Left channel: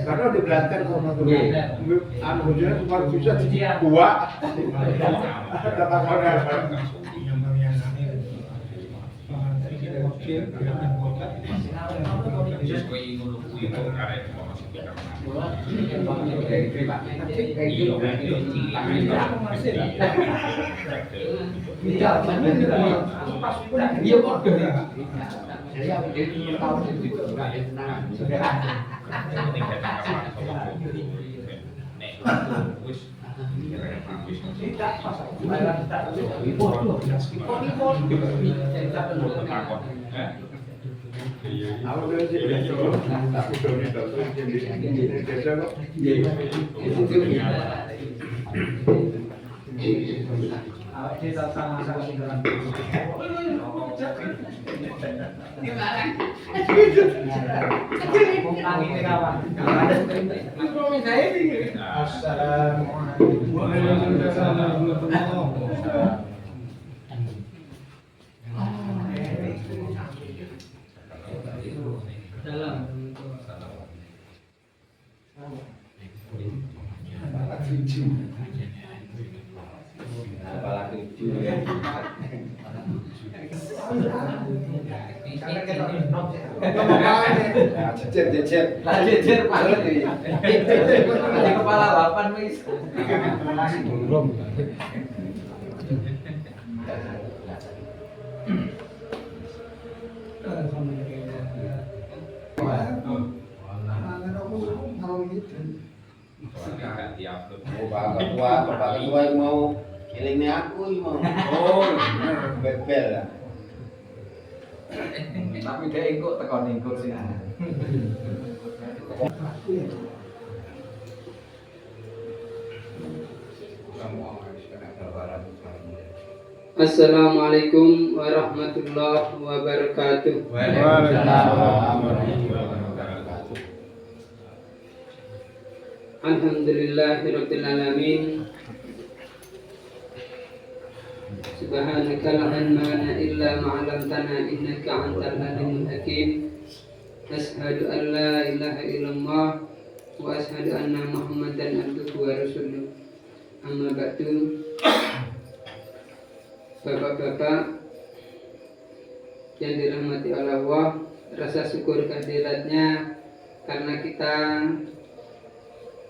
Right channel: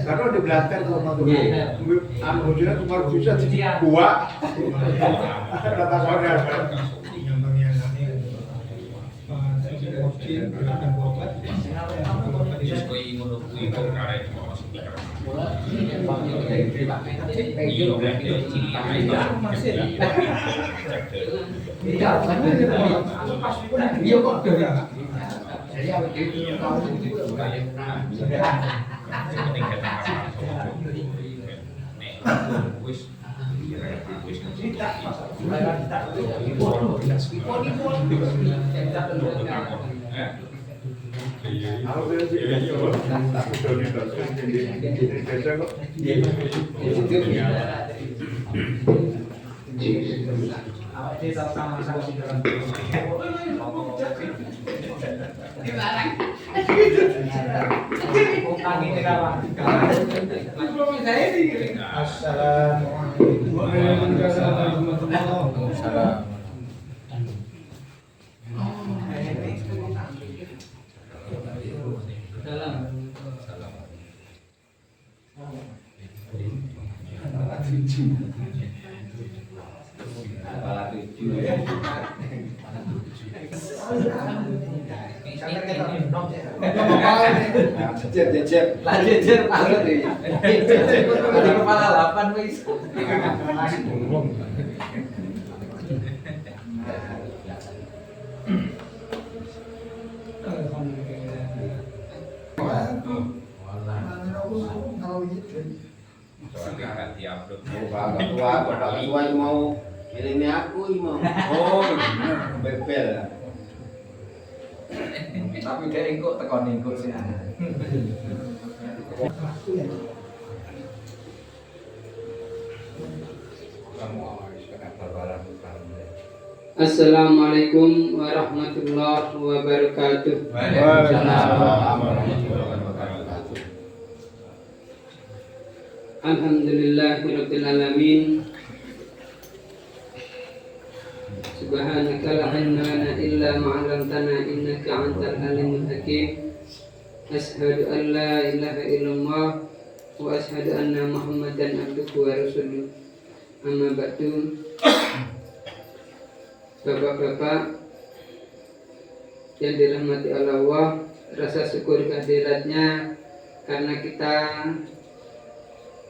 Karena di Banten anu bojone kemarin bisa buak. Kata koran. Jejer banget ini. Jadi kepala 8 wis. Belum. Bapak tua mau elingnya aku mau. Oh, bebel. Tapi dia ikut tekan ikut sih. Assalamualaikum warahmatullahi wabarakatuh. Waalaikumsalam warahmatullahi wabarakatuh. Alhamdulillahirabbil alamin. Subhanaka la ilma lana illa ma 'allamtana innaka antal alimul hakim. Asyhadu an la ilaha illallah wa asyhadu anna Muhammadan abduhu wa rasuluh. Amma ba'du. Bapak-bapak yang dirahmati Allah, rasa syukur kehadiratnya karena kita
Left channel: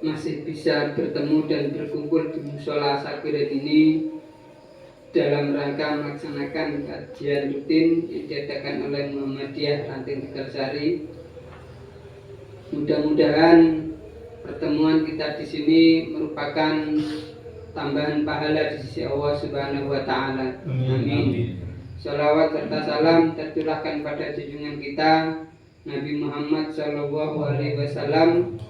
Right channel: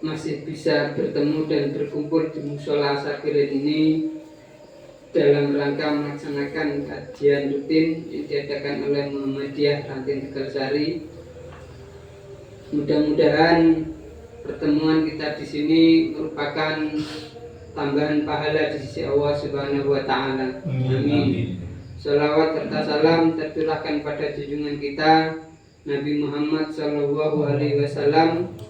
masih bisa bertemu dan berkumpul di musola Sakirin ini dalam rangka melaksanakan kajian rutin yang diadakan oleh Muhammadiyah Ranting Tegalsari. Mudah-mudahan pertemuan kita di sini merupakan tambahan pahala di sisi Allah Subhanahu wa taala. Amin. Shalawat serta salam tercurahkan pada junjungan kita Nabi Muhammad sallallahu alaihi wasallam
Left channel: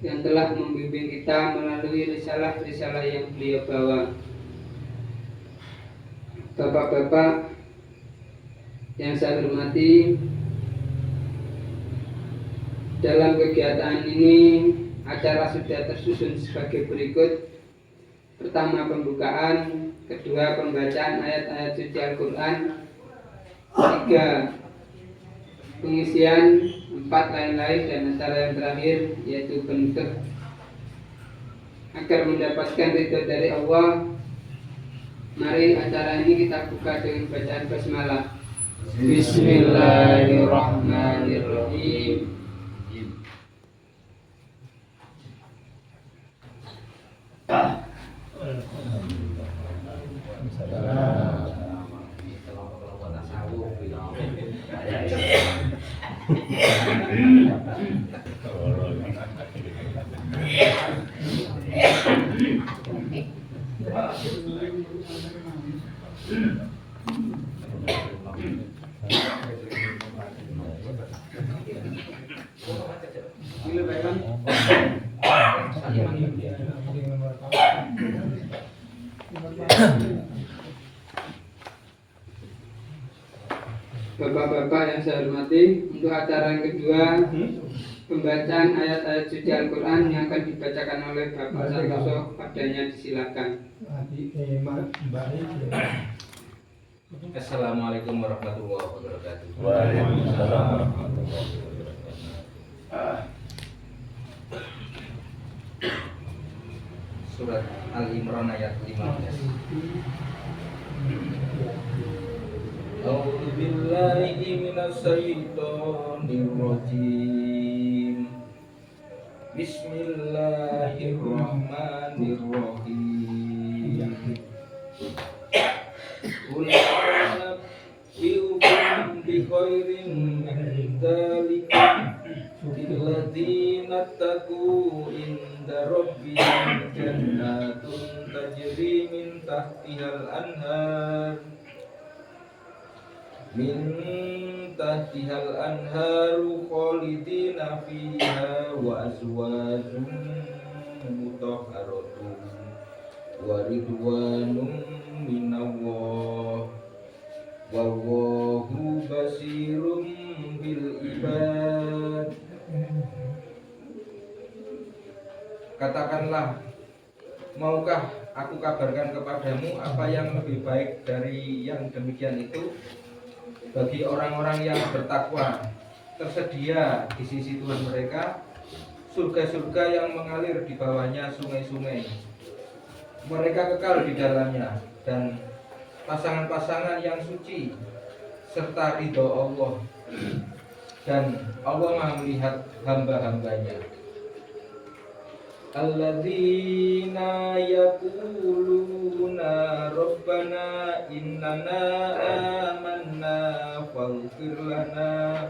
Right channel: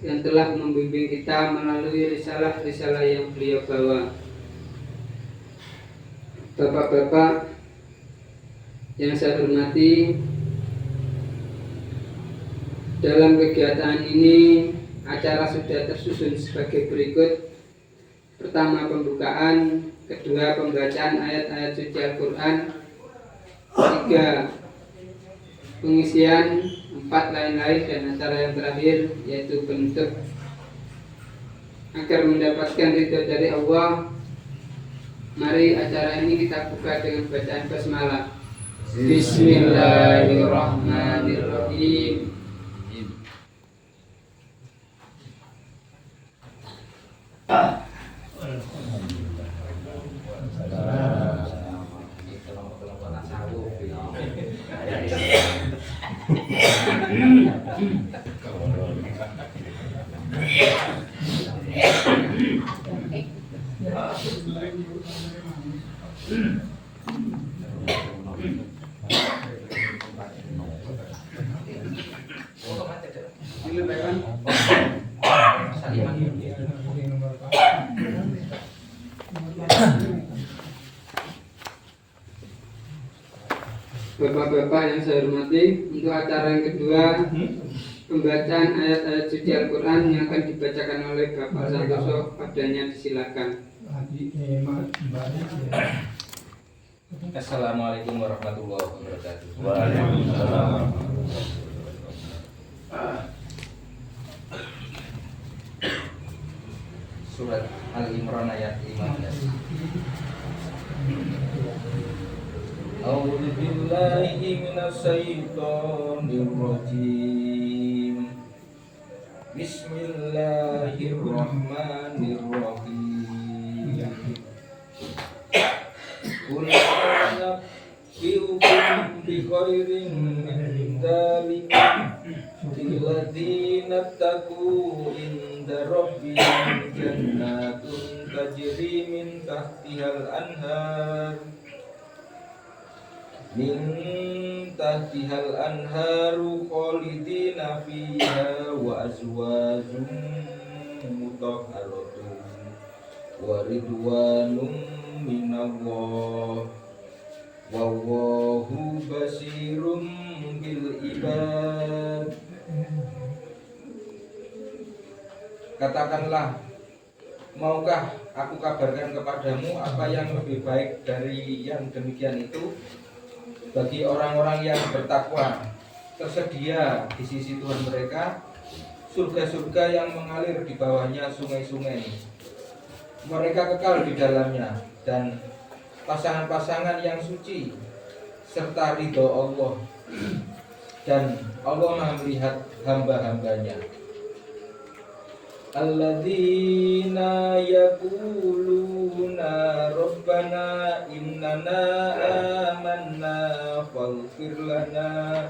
yang telah membimbing kita melalui risalah-risalah yang beliau bawa. Bapak-bapak yang saya hormati, dalam kegiatan ini acara sudah tersusun sebagai berikut. Pertama pembukaan, kedua pembacaan ayat-ayat suci Al-Quran, ketiga pengisian, empat lain-lain, dan acara yang terakhir yaitu penutup. Agar mendapatkan ridho dari Allah, mari acara ini kita buka dengan bacaan basmalah. Bismillahirrahmanirrahim. Bapak-bapak yang saya hormati, untuk acara yang kedua, pembacaan ayat-ayat suci Al-Quran yang akan dibacakan oleh Bapak Santoso, padanya disilakan. Assalamualaikum warahmatullahi wabarakatuh. Waalaikumsalam. Surat Al-Imran ayat 15. A'udzu billahi minasyaitonir rajim. Bismillahirrahmanirrahim. Qul anabbiukum bi khairin min dzalikum lilladzina taqu inda rabbihim jannatun tajri min tahtihal anhar khalidina fiha wa azwajun mutahharatun wa ridwanun minallah wallahu basirun bil ibad. Katakanlah, maukah aku kabarkan kepadamu apa yang lebih baik dari yang demikian itu? Bagi orang-orang yang bertakwa, tersedia di sisi Tuhan mereka surga-surga yang mengalir di bawahnya sungai-sungai. Mereka kekal di dalamnya, dan pasangan-pasangan yang suci serta ridho Allah, dan Allah Maha melihat hamba-hambanya. Alladzina yaquluna rabbana innana amanna faghfir lana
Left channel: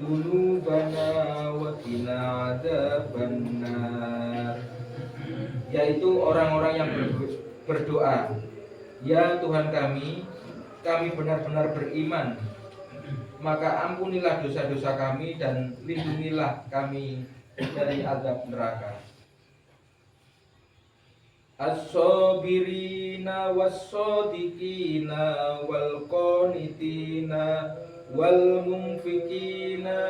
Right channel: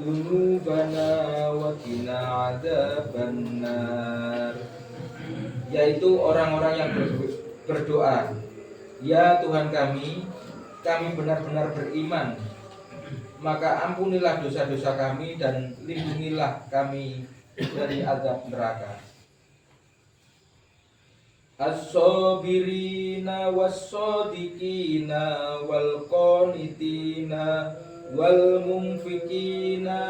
dzunubana wa qina adzabannar. Yaitu orang-orang yang berdoa, ya Tuhan kami benar-benar beriman, maka ampunilah dosa-dosa kami dan lindungilah kami dari azab neraka. As-sabirina was-sadiqina wal qanitina wal munfikina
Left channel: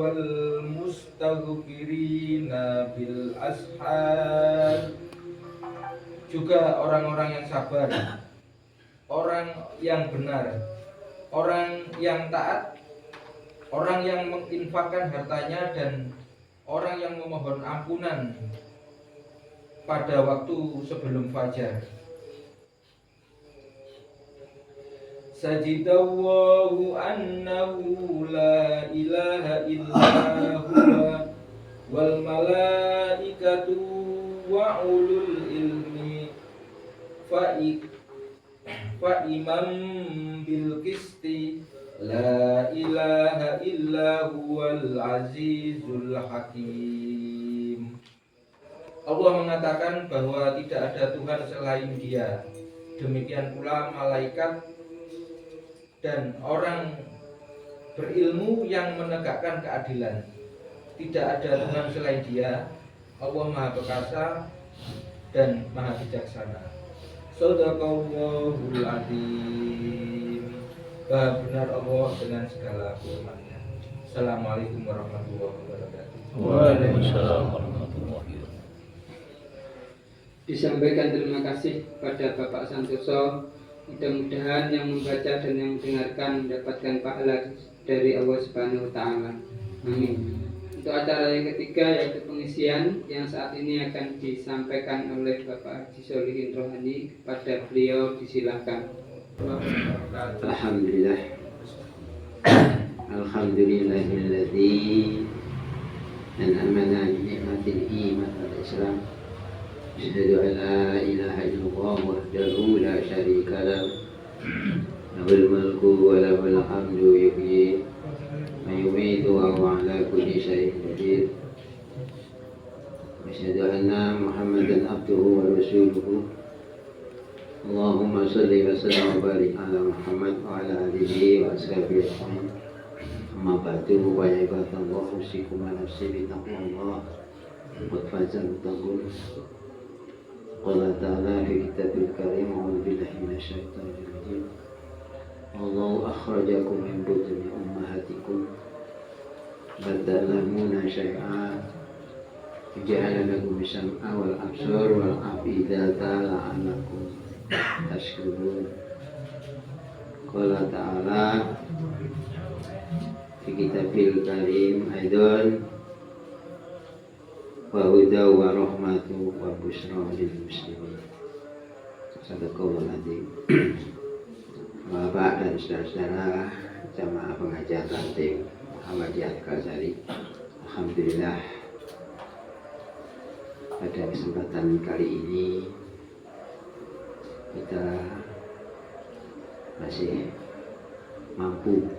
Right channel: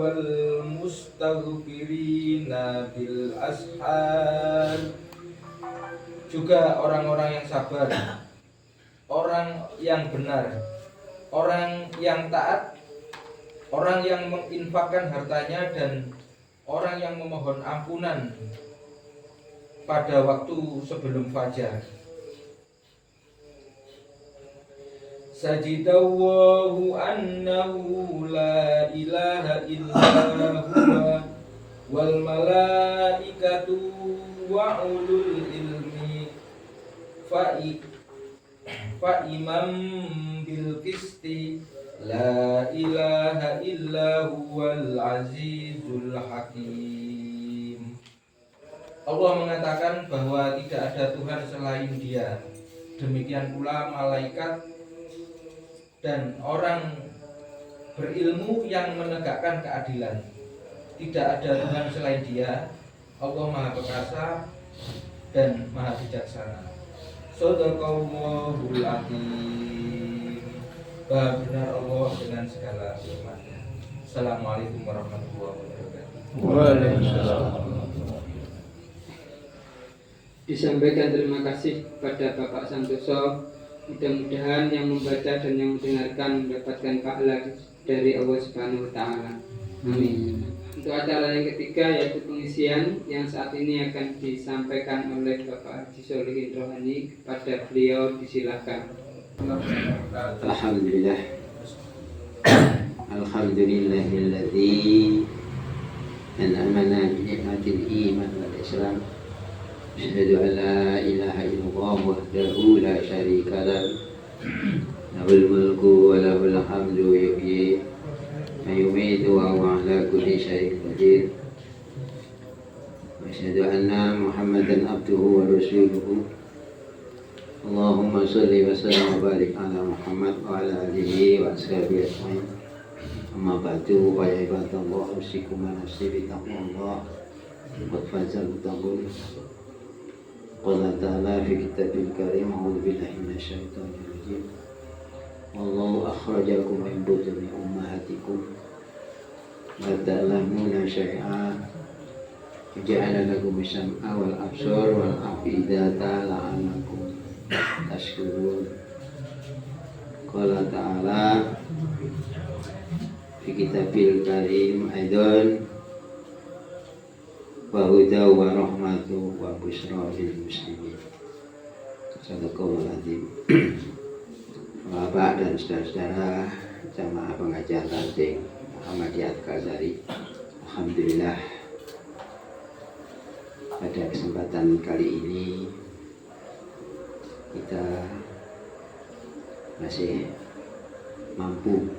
wal mustaghfirina bil ashar. Juga orang-orang yang sabar, orang yang benar, orang yang taat, orang yang menginfakkan hartanya, dan orang yang memohon ampunan pada waktu sebelum fajar. Sajidallahu annahu la ilaha illa huwa wal malaikatu wa ulul ilmi fa imam bil qisti la ilaha illa huwal azizul hakim. Allah mengatakan bahwa tidak ada Tuhan selain Dia. Demikian pula malaikat dan orang berilmu yang menegakkan keadilan. Tidak ada Tuhan selain Dia. Allah Maha Perkasa dan Maha Bijaksana. Shadaqallahul Azim. Benar Allah dengan segala firman-Nya. Assalamualaikum warahmatullahi wabarakatuh. Waalaikumsalam. Disampaikan terima kasih kepada Bapak Santoso. Mudah-mudahan yang membaca dan yang mendengarkan mendapatkan pahala dari Allah Subhanahu wa taala. Amin. Untuk acara yang ketiga yaitu pengisian yang saat ini akan disampaikan oleh Bapak Haji Solihin Rohani. Kepada beliau disilakan. Alhamdulillah. Alhamdulillahilladzi an'amana bi ni'matil iman wal islam. Asyhadu an la ilaha illallah wahdahu la syarika lahu lahul mulku wa lahul hamdu yuhyi wa yumiitu wa huwa ala kulli syai'in qadir. Asyhadu anna Muhammadan abduhu wa rasuluhu. Allahumma shalli wa sallim wa barik ala Muhammad wa ala alihi wa ashabihi ajma'in. Amma ba'du, wa ibadallah, usikum wa nafsi bi taqwallah wa fazal taqul. Qala ta'ala fi kitabil karim, a'udzu billahi minasyaitonir rajim. Wallahu akhrajakum min butuni ummahatikum la ta'lamuna syai'a ja'ala lakum sam'a wal absar wal afidata la'allakum tashkurun. qala ta'ala fi kitabil karim aidan wa huda wa rahmatu wa busyra lil muslimin. Sadaqallahul azim. Bapak dan saudara-saudara jamaah pengajian Ranting Muhammadiyah Al-Ghazali, alhamdulillah pada kesempatan kali ini kita masih mampu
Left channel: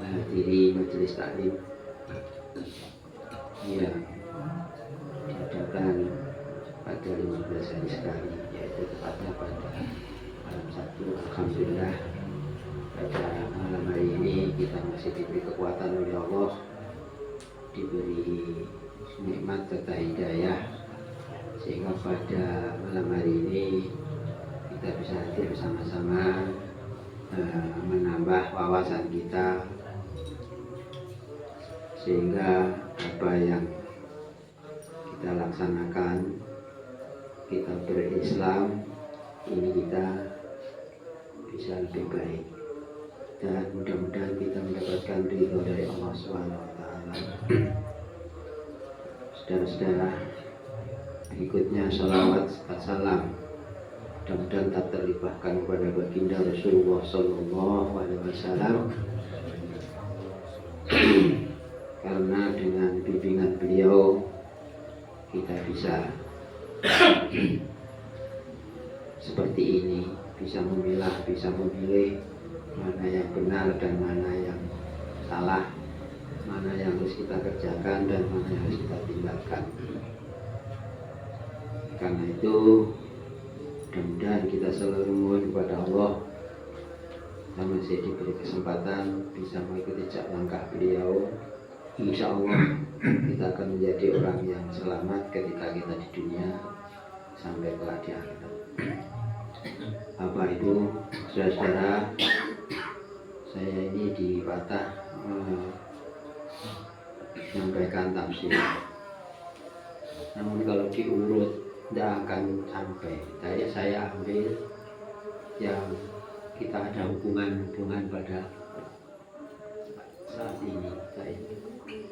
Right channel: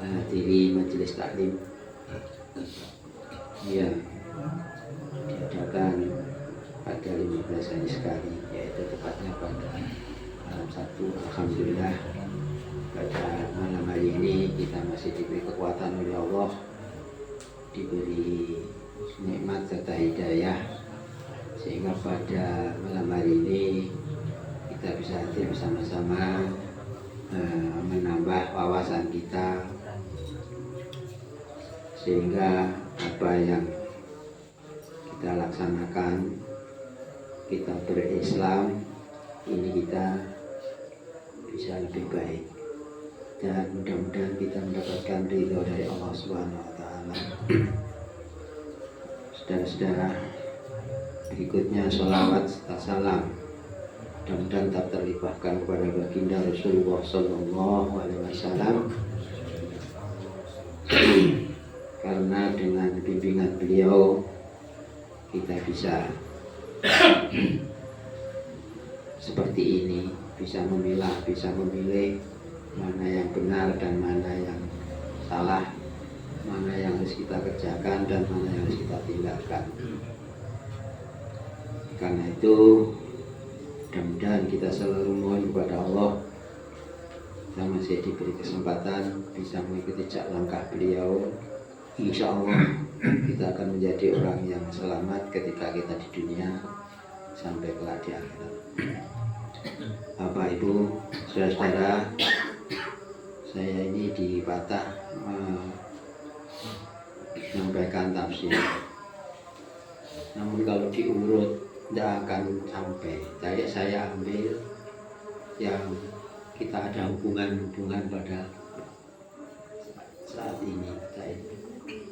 menghadiri majelis taklim yang diadakan pada 15 hari sekali, yaitu tepatnya pada malam Sabtu. Alhamdulillah pada malam hari ini kita masih diberi kekuatan oleh Allah, diberi nikmat serta hidayah, sehingga pada malam hari ini kita bisa hadir bersama-sama menambah wawasan kita, sehingga apa yang kita laksanakan, kita berislam ini kita bisa lebih baik, dan mudah-mudahan kita mendapatkan ridho dari Allah Subhanahu wa Ta'ala. Saudara-saudara, berikutnya sholawat serta salam mudah-mudahan tak terlibatkan kepada baginda Rasulullah Sallallahu Alaihi Wasallam, karena dengan bimbingan beliau kita bisa seperti ini, bisa memilah, bisa memilih mana yang benar dan mana yang salah, mana yang harus kita kerjakan dan mana yang harus kita tinggalkan. Karena itu mudah-mudahan kita selalu mohon kepada Allah, kita masih diberi kesempatan bisa mengikuti jejak langkah beliau. Insya Allah kita akan menjadi orang yang selamat ketika kita di dunia sampai kelak di akhirat. Bapak Ibu, saudara-saudara, saya ini di Batak menyampaikan tafsir. Namun kalau diurut tidak akan sampai. Saya ambil yang kita ada hubungan pada saat ini.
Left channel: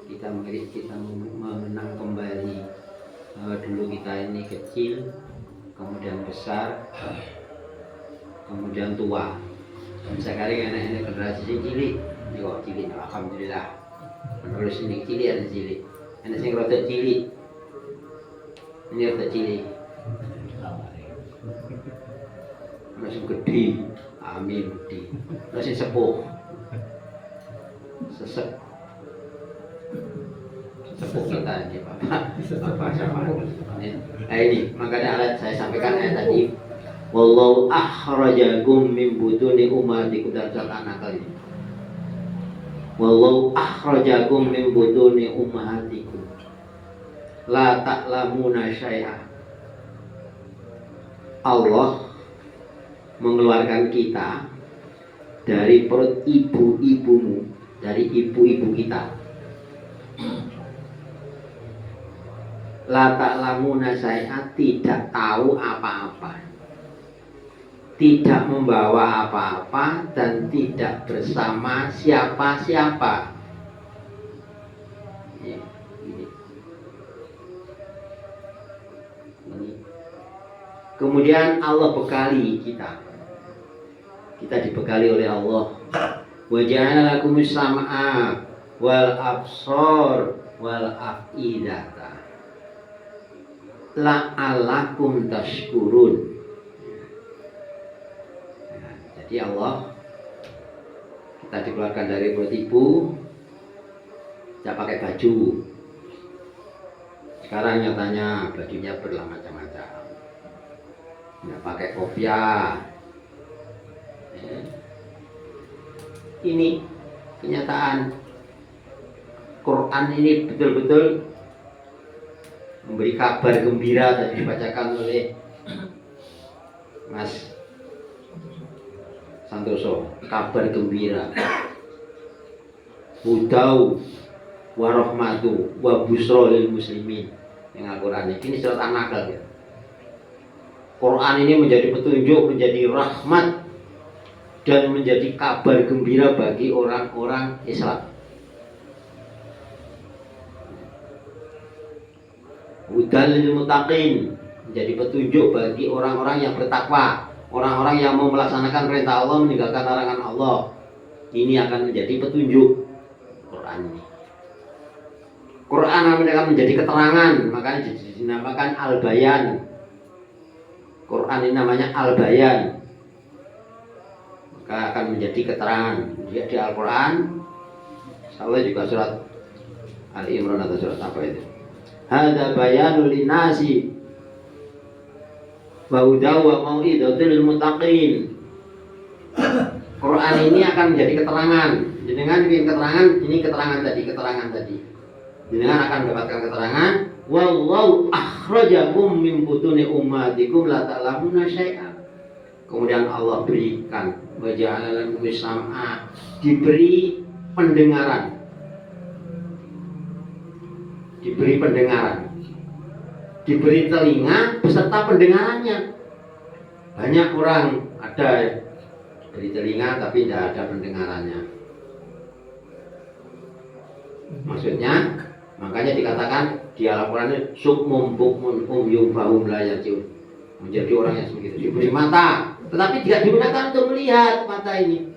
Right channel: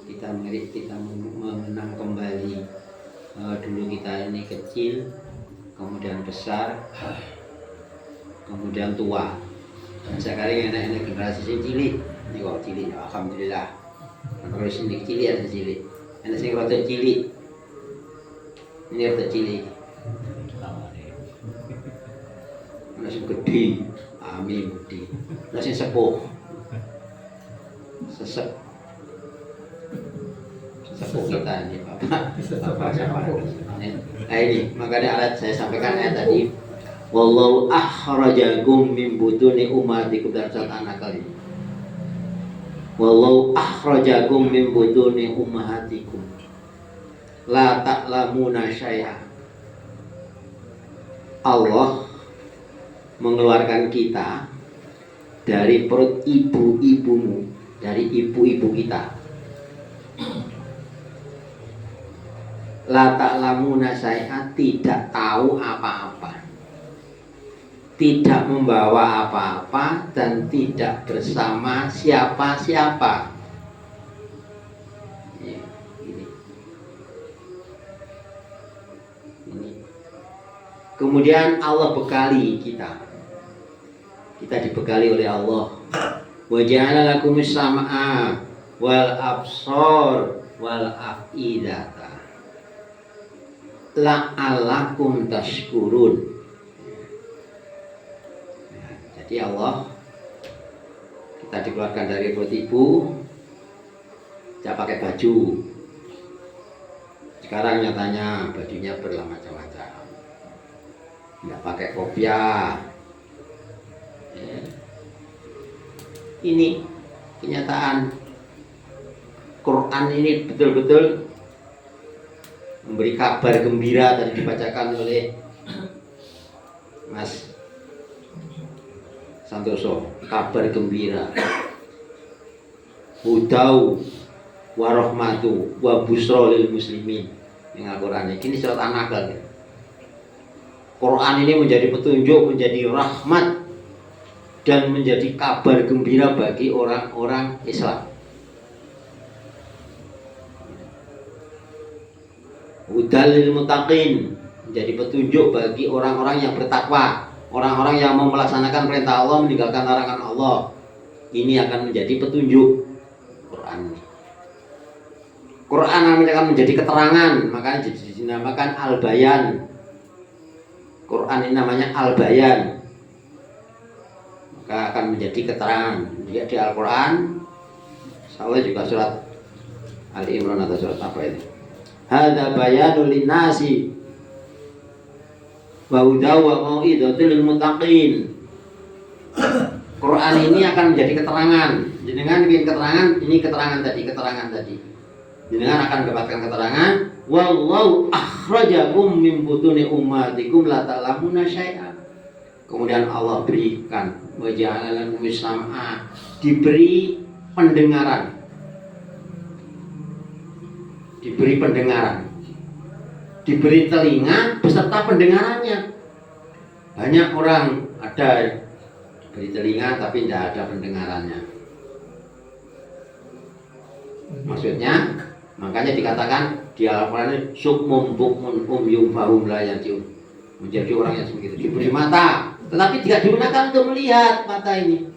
Kita mengenang kembali dulu kita ini kecil, kemudian besar, kemudian tua, dan sekarang enak-enak generasi cilik. Ini kok cilik, alhamdulillah. Kalau sini cilik ada cilik, enak sing rada cilik. Ini rada cilik. Masih gede, amin gede. Masih sepuh, sepuh kita ini Bapak. Nah ini makanya alat saya sampaikan ayat tadi, wallahu akhrajakum min butuni ummatikum, dan anak kali. Wallahu akhrajakum min butuni ummatikum la ta'lamuna syai'a. Allah mengeluarkan kita dari perut ibu-ibumu, dari ibu-ibu kita. La ta'lamuna syai'a, tidak tahu apa-apa, tidak membawa apa-apa, dan tidak bersama siapa-siapa. Ini. Kemudian Allah bekali kita. Kita dibekali oleh Allah. Wa ja'ala lakumus sam'a wal absar wal af'idata la'allakum tashkurun. Jadi Allah, kita dikeluarkan dari perut ibu, tidak pakai baju. Sekarang nyatanya bajunya bermacam-macam, tidak pakai kopiah. Ini kenyataan. Quran ini betul-betul memberi kabar gembira, tadi dibacakan oleh Mas Santoso, kabar gembira. Hudau wa rahmatu wa busra lil muslimin. Yang Al-Quran ini surat An-Nahl ya. Quran ini menjadi petunjuk, menjadi rahmat dan menjadi kabar gembira bagi orang-orang Islam. Hudal lil muttaqin, menjadi petunjuk bagi orang-orang yang bertakwa, orang-orang yang mau melaksanakan perintah Allah, meninggalkan larangan Allah. Ini akan menjadi petunjuk. Quran akan menjadi keterangan, makanya dinamakan Al-Bayan. Quran ini namanya Al-Bayan, maka akan menjadi keterangan. Dia di Al-Quran, salah juga surat Ali Imran atau surat apa itu? Hada bayanul linnasi wa hudaw wa mau'izatul lil muttaqin. Quran ini akan menjadi keterangan. Dengan bikin keterangan, ini keterangan tadi. Dengan akan mendapatkan keterangan, wallahu akhrajakum min butuni ummatikum la ta'lamuna syai'a. Kemudian Allah berikan wa ja'ala lakum sam'a, diberi pendengaran. Diberi telinga beserta pendengarannya. Banyak orang ada diberi telinga tapi tidak ada pendengarannya. Maksudnya, makanya dikatakan di Al-Quran ini sukmum bukmun umyum fahum la yarji'un. Menjadi orang yang begitu, diberi mata tetapi tidak digunakan untuk melihat mata ini.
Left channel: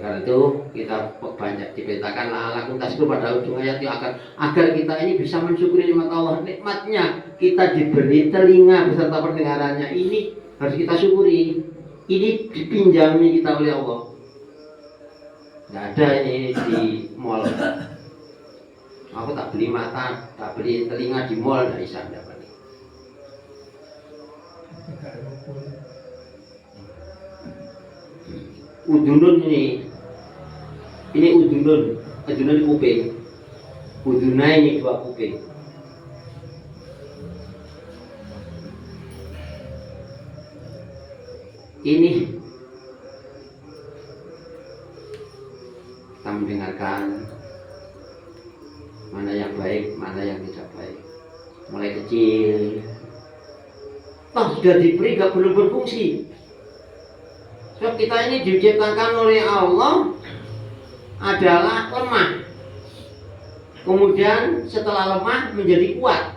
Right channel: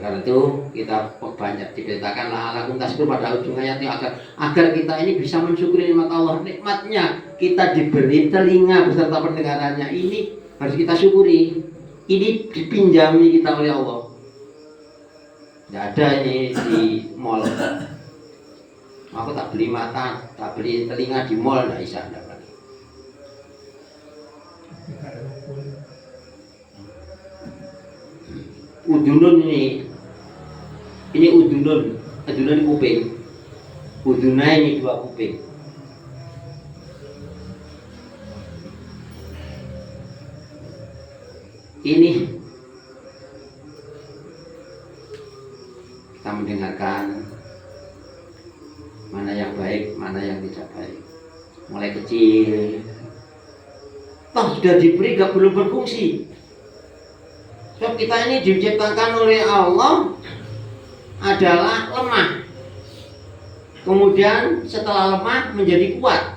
Karena itu kita banyak diberitakan la'alakum tashkurun pada ujung ayat ini agar kita ini bisa mensyukuri nikmat Allah. Nikmatnya kita diberi telinga beserta pendengarannya, ini harus kita syukuri. Ini dipinjami kita oleh Allah. Tidak ada ini di mall. Aku tak beli mata, tak beli telinga di mall, tidak bisa dapat. Udunun ini udunun ini kuping. Udunai ini 2 kuping. Ini kita mendengarkan mana yang baik, mana yang tidak baik. Mulai kecil, sudah diberi gak belum berfungsi. Sebab kita ini diciptakan oleh Allah adalah lemah. Kemudian setelah lemah menjadi kuat.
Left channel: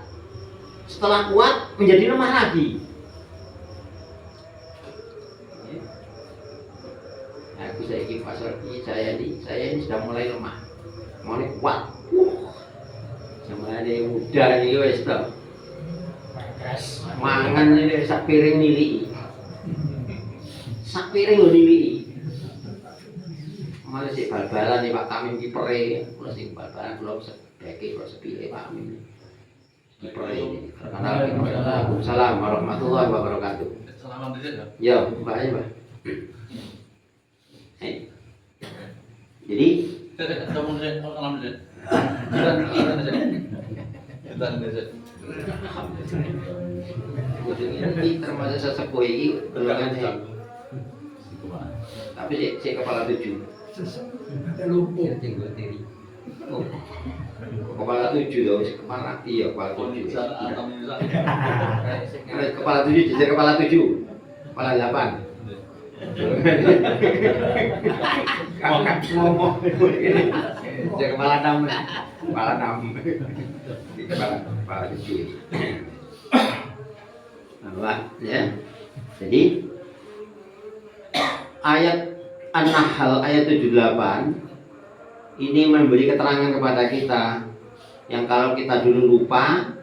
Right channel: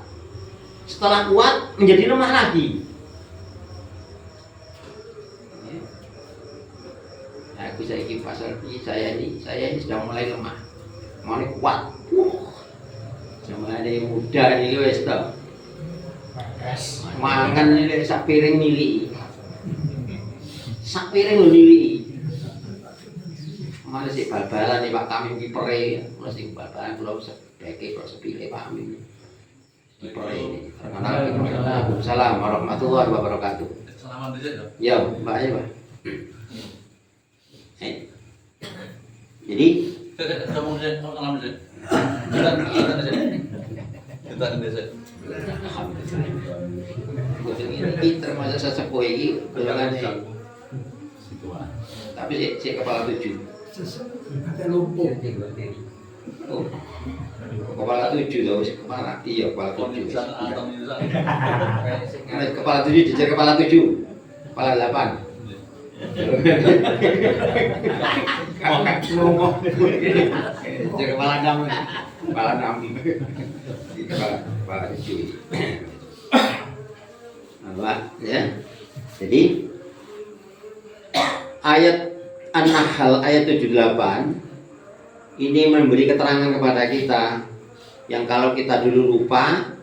Setelah kuat menjadi lemah lagi. Aku saya ini sudah mulai lemah, mulai kuat. Zaman ini muda nih wes toh. Mangan ini sak piring nili. Sak piring lho nili. Mari sik bal-balan iki Pak Kamim kipere, mesti bal-balan kula sebeke kok sepile Pak Kamim. Kipere ini. Waalaikumsalam warahmatullahi wabarakatuh. Selamat dulu Ya, ya. Pak ya, Pak. Jadi Kamu dulu, salam dulu. Kita aja. pinter masa sesepuh ini belakangnya. Tapi si kepala 7. Kepala 7 dong, kepala iya kepala 7. Kepala 7 jejer kepala 7. Kepala 8. Ngomong jejer kepala 6. Kepala 6. Kepala 7. Apa ya? Jadi ayat An-Nahl ayat 78 ini memberi keterangan kepada kita yang kalau kita dulu lupa,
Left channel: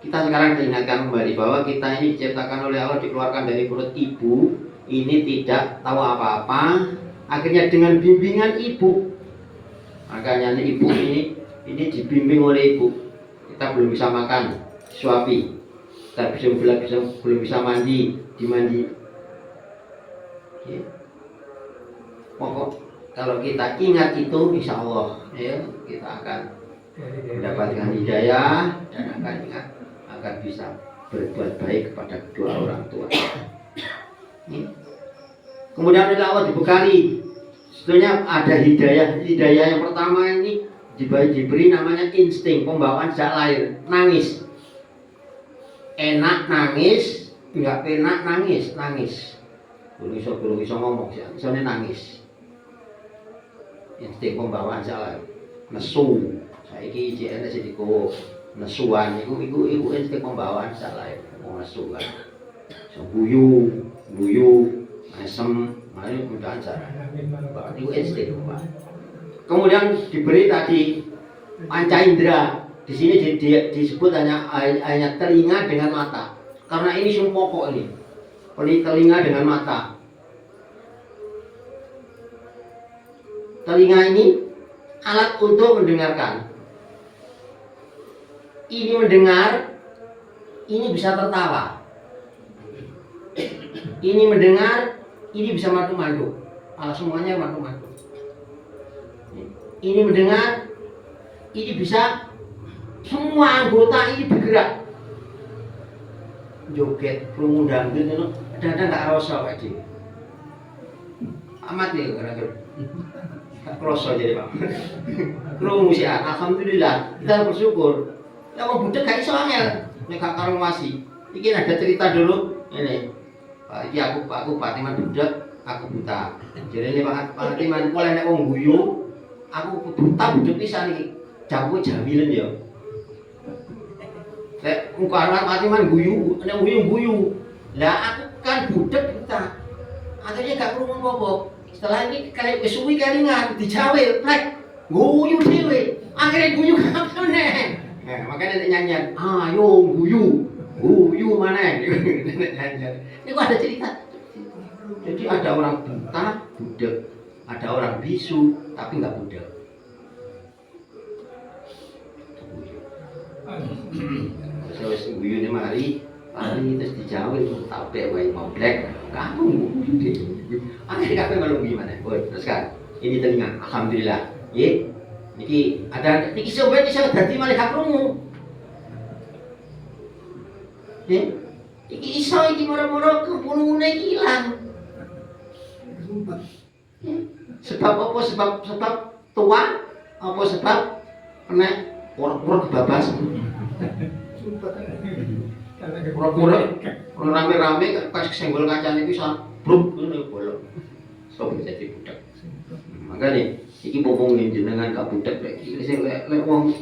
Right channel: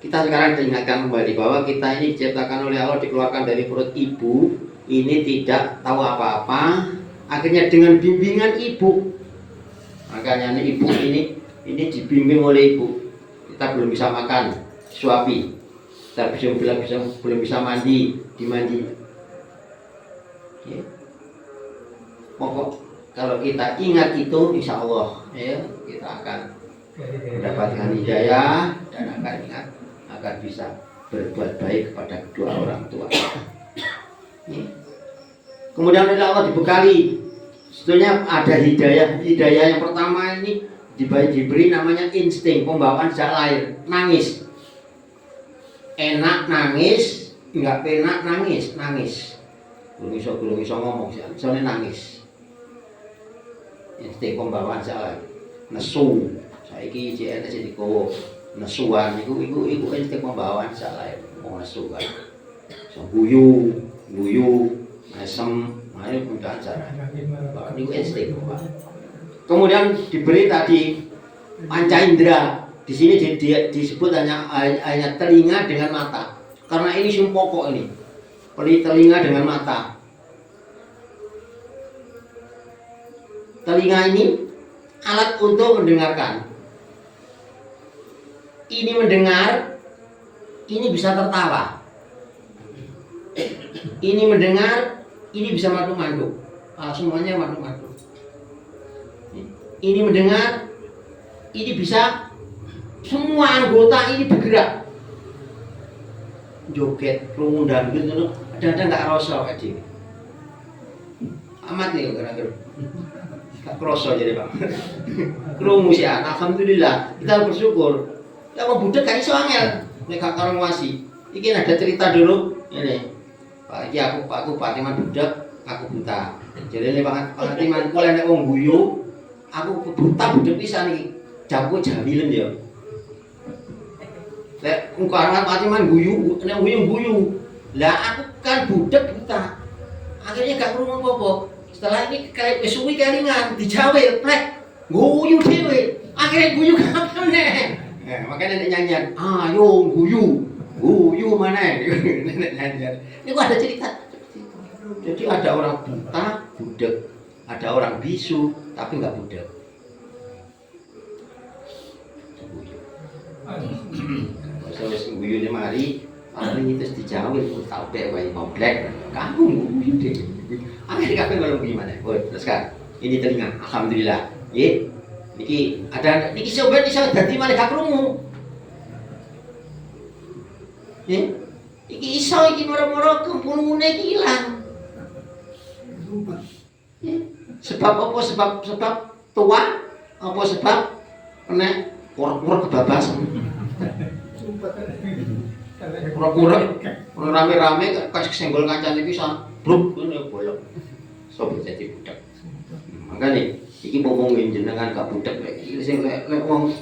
kita sekarang diingatkan kembali bahwa kita ini diciptakan oleh Allah, dikeluarkan dari perut ibu, ini tidak tahu apa-apa, akhirnya dengan bimbingan ibu, makanya ibu ini dibimbing oleh ibu. Kita belum bisa makan, suapi, kita belum bisa mandi, dimandi. Ya. Pokok kalau kita ingat itu, insya Allah ya, kita akan mendapatkan hidayah dan akan ingat agar bisa berbuat baik kepada kedua orang tua. Ya. Kemudian oleh Allah dibekali, sebetulnya ada hidayah. Hidayah yang pertama ini diberi namanya insting, pembawaan sejak lahir, nangis. Enak nangis, Enggak penak nangis. Gurung iso ngomong, isone nangis. Insting pembawaan salah. Nesu. Saiki CNS dikowo nesuan iku insting pembawaan salah wong nesu kan. So guyu, mesem, mari mudahan salah. Niku insting, Pak. Kemudian diberi tadi panca indera. Di sini disebut hanya telinga dengan mata. Karena ini sumber pokok ini. Telinga dengan mata. Telinga ini alat untuk mendengarkan. Ini mendengar, ini bisa tertawa. Ini mendengar, ini bisa madu-madu. Semuanya madu-madu. Ini mendengar, ini bisa semua anggota ini bergerak. Joget, krungu dangdut itu kadang-kadang nggak rasa kayak gini. Amat nih kira-kira. Nggak rasa jadi Pak. Krungu sih, alhamdulillah. Kita bersyukur. Ya mau budek gak iso angel. Nek gak karo ngwasi. Iki ada cerita dulu. Ini. Pak iki aku Pak Timan budek, aku buta. Jadi ini Pak Timan kalau nek wong guyu, aku buta budek pisan iki. Jamku jamilen ya. Lek engko anak Fatiman guyu, nek guyu. Lah aku kan budek buta. Akhirnya gak krungu apa-apa. Setelah ini kayak wis suwi kelingan, dijawil plek. Guyu dhewe. Akhirnya guyu kabeh. Ya, makanya nek nyanyian, ayo guyu mana? Ini kok ada cerita. Jadi ada orang buta, budek. Ada orang bisu, tapi nggak budek. Terus guyune mari, paling terus dijawil, tapek wae ngoblek. Kamu guyu deh. Akhirnya kabeh kalau gimana? Oh, terus kan. Ini telinga, alhamdulillah. Nggih. Niki ada niki sobat iso dadi malih gak krungu. Nggih. Iki iso iki moro-moro krungune iki ilang. Sebab apa? Sebab tua? Apa sebab kena kurang kebablasan? Kurang rame-rame kasih senggol kancane pisan. Bluk ngene bolong. Sopo jadi budak. Makane iki ngomongin jenengan gak budak iki sing lek wong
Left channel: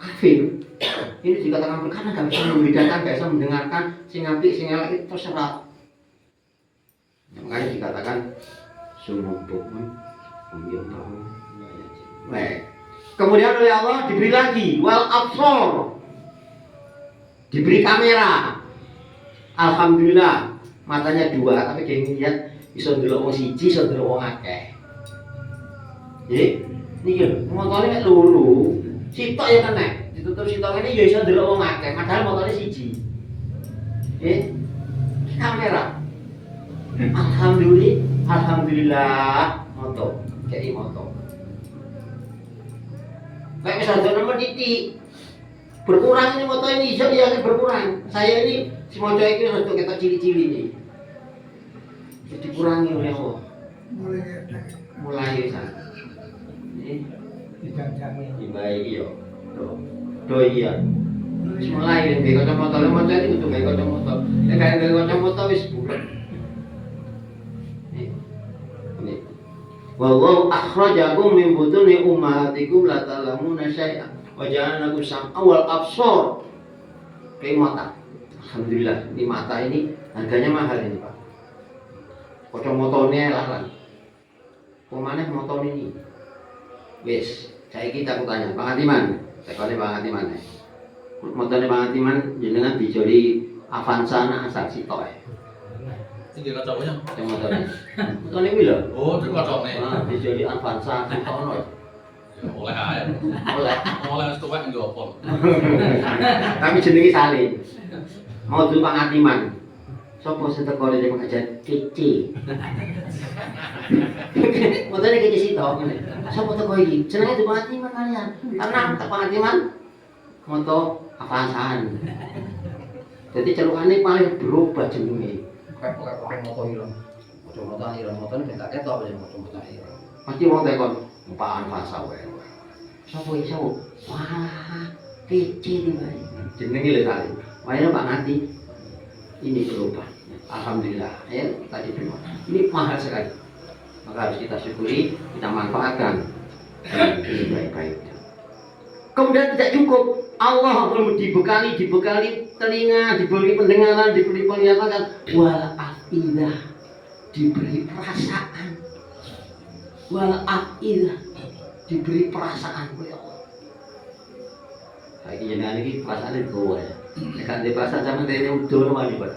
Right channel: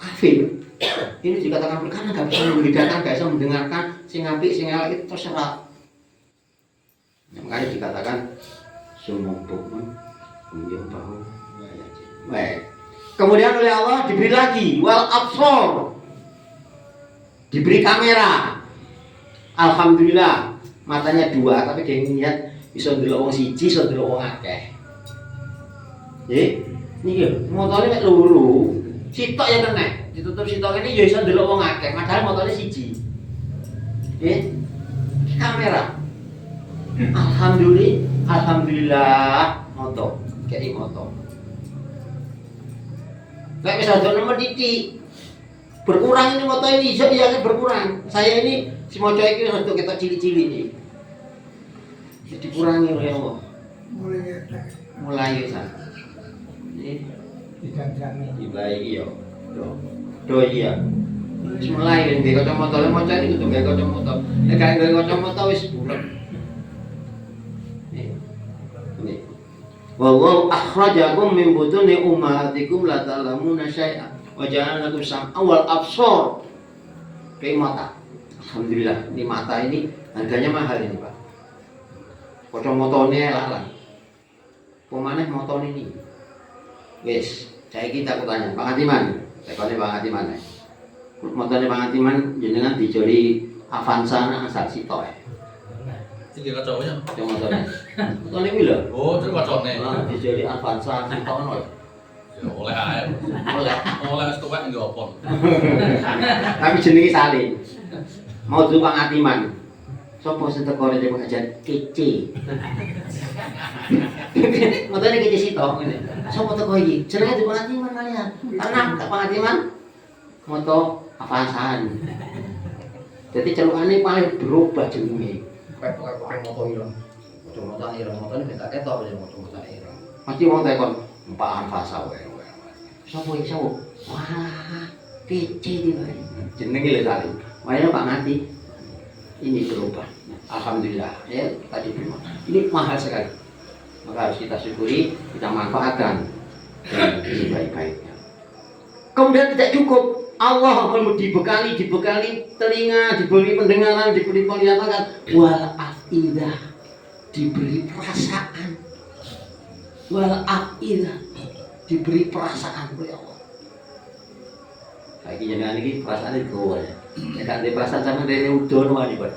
kafir. Ini dikatakan karena gak bisa membedakan, gak bisa mendengarkan sing apik sing elek itu terserah. Makanya dikatakan semua buku punya tahu. Baik. Kemudian oleh Allah diberi lagi wal absor. Diberi kamera. Alhamdulillah matanya dua tapi dia lihat bisa ndelok wong siji, bisa ndelok wong akeh. Nggih. Niki motone mek loro. Sitok ya kene. Ditutup sitok ini ya iso ndelok wong akeh, padahal motone siji. Nggih. Kamera. Alhamdulillah moto, kayak moto. Lek wis ada nomor titik. Berkurang ini moto ini iso ya berkurang. Saya ini si moco iki wis untuk ketok cili-cili iki. Jadi kurangi oleh Allah. Mulai ya. Ini dibaiki yo. Do iya. Mulai ben kacamata moco ini kudu gawe kacamata. Nek gak gawe kacamata wis bulet. Wallahu akhrajakum min butuni ummahatikum la ta'lamuna syai'an wa ja'alakum sam'an wal absar. Kayak mata. Alhamdulillah, ini mata ini harganya mahal ini, Pak. Kacamotane lalang. Pemane motor ini. Wis, saya kita tanya Bang Atiman. Tekone Bang Atiman. Motone Bang Atiman jenengan dijoli Avanza nang asal sitok. Ini kacaunya. Yang motornya. Motornya kuwi lho. Oh, itu kacaunya. Nah, dijoli Avanza sitok ono. Ya oleh ae. Oleh wis tuwek nggih apa. Kami jenenge salin. Mau Bang Atiman. Sopo sing teko rene pengajian kece. Motornya kece sitok ngene. Sopo teko iki? Jenenge Bang Atiman kalian. Karena Bang Atiman moto Avanzaan. Jadi celukane paling berubah jenenge. Kayak motor ireng. Motor ireng motor ini tak ketok aja motor ireng. Mesti mau tekon mpaan fasa wae. Sopo iso? Wah, kece iki wae. Jenenge lho kali. Wae Pak Ngati. ini berubah. Alhamdulillah, ya tadi berubah. Ini mahal sekali. Maka harus kita syukuri, kita manfaatkan. Ini baik-baiknya. Kemudian tidak cukup. Allah perlu dibekali telinga, diberi pendengaran, diberi penglihatan, wal afidah, diberi perasaan, wal afidah, diberi perasaan. Lagi jangan lagi perasaan itu ya. Kan di perasaan sama dia udah nih pak.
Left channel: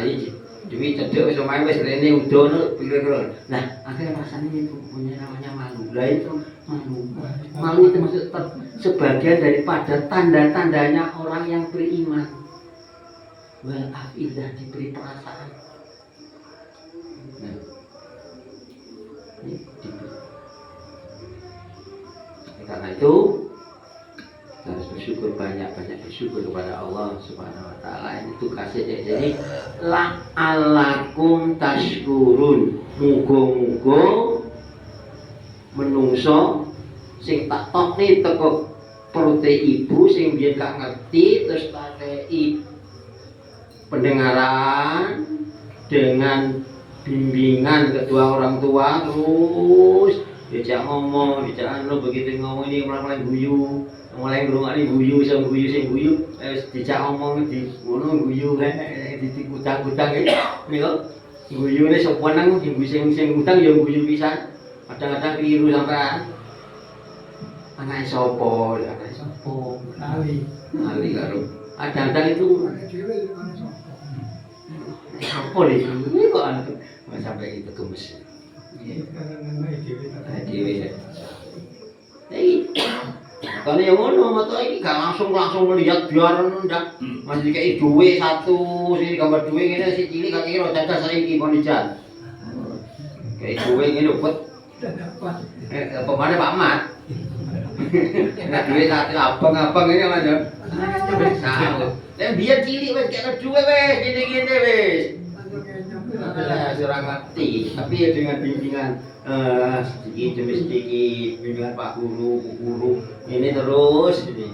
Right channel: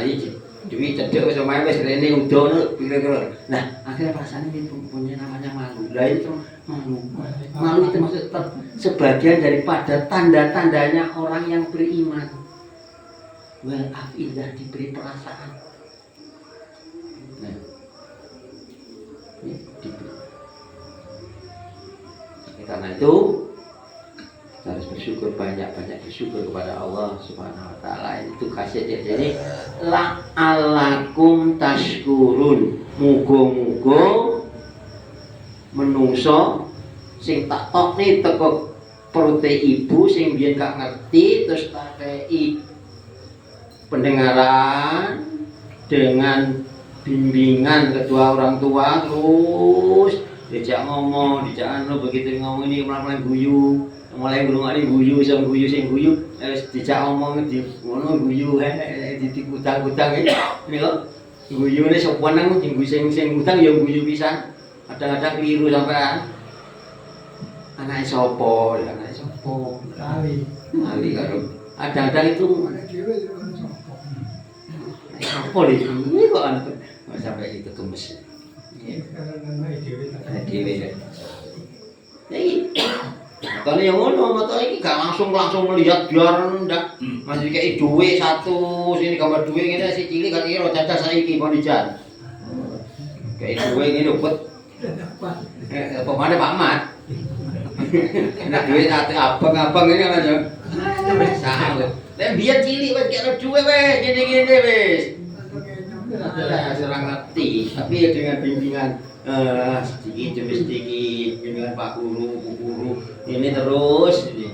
Ayo demi cedek sama wes rene udah kira-kira. Nah akhirnya perasaan itu punya namanya malu. Lah itu malu itu maksud sebagian daripada tanda-tandanya orang yang beriman. Wal afidah, diberi perasaan. Nah, ini diberi. Karena itu kita harus bersyukur, banyak-banyak bersyukur kepada Allah Subhanahu wa taala. Itu kasih dia. Jadi la'alakum tashkurun. Muga-muga menungso sing tak tokne teko perute ibu sing biyen gak ngerti terus takei pendengaran dengan bimbingan kedua orang tua, terus dijak ngomong, dijak anu, begitu ngomong ini mulai guyu, mulai ngomongane guyu, sing guyu, dijak ngomong di ngono guyu, ditikutak-kutak iki lho. Guyune sapa nang sing utang ya guyu pisan. Kadang-kadang keliru sampean. Anake sapa, anake sapa, kali karo. Kadang-kadang itu apa iki kok anak sampai itu gemes. Kalau yang ngono mata ini gak langsung melihat biar ndak masih kayak duit satu sini gambar duit ini si cilik kan kira caca saiki panijan kayak duit ini dapat apa mana Pak Mat nah duit satu abang ini aja salah dan biar cilik wes kayak duit wes gini wes kurang ngerti tapi ya dengan bimbingan sedikit demi sedikit bimbingan Pak Guru, Bu Guru ini terus ini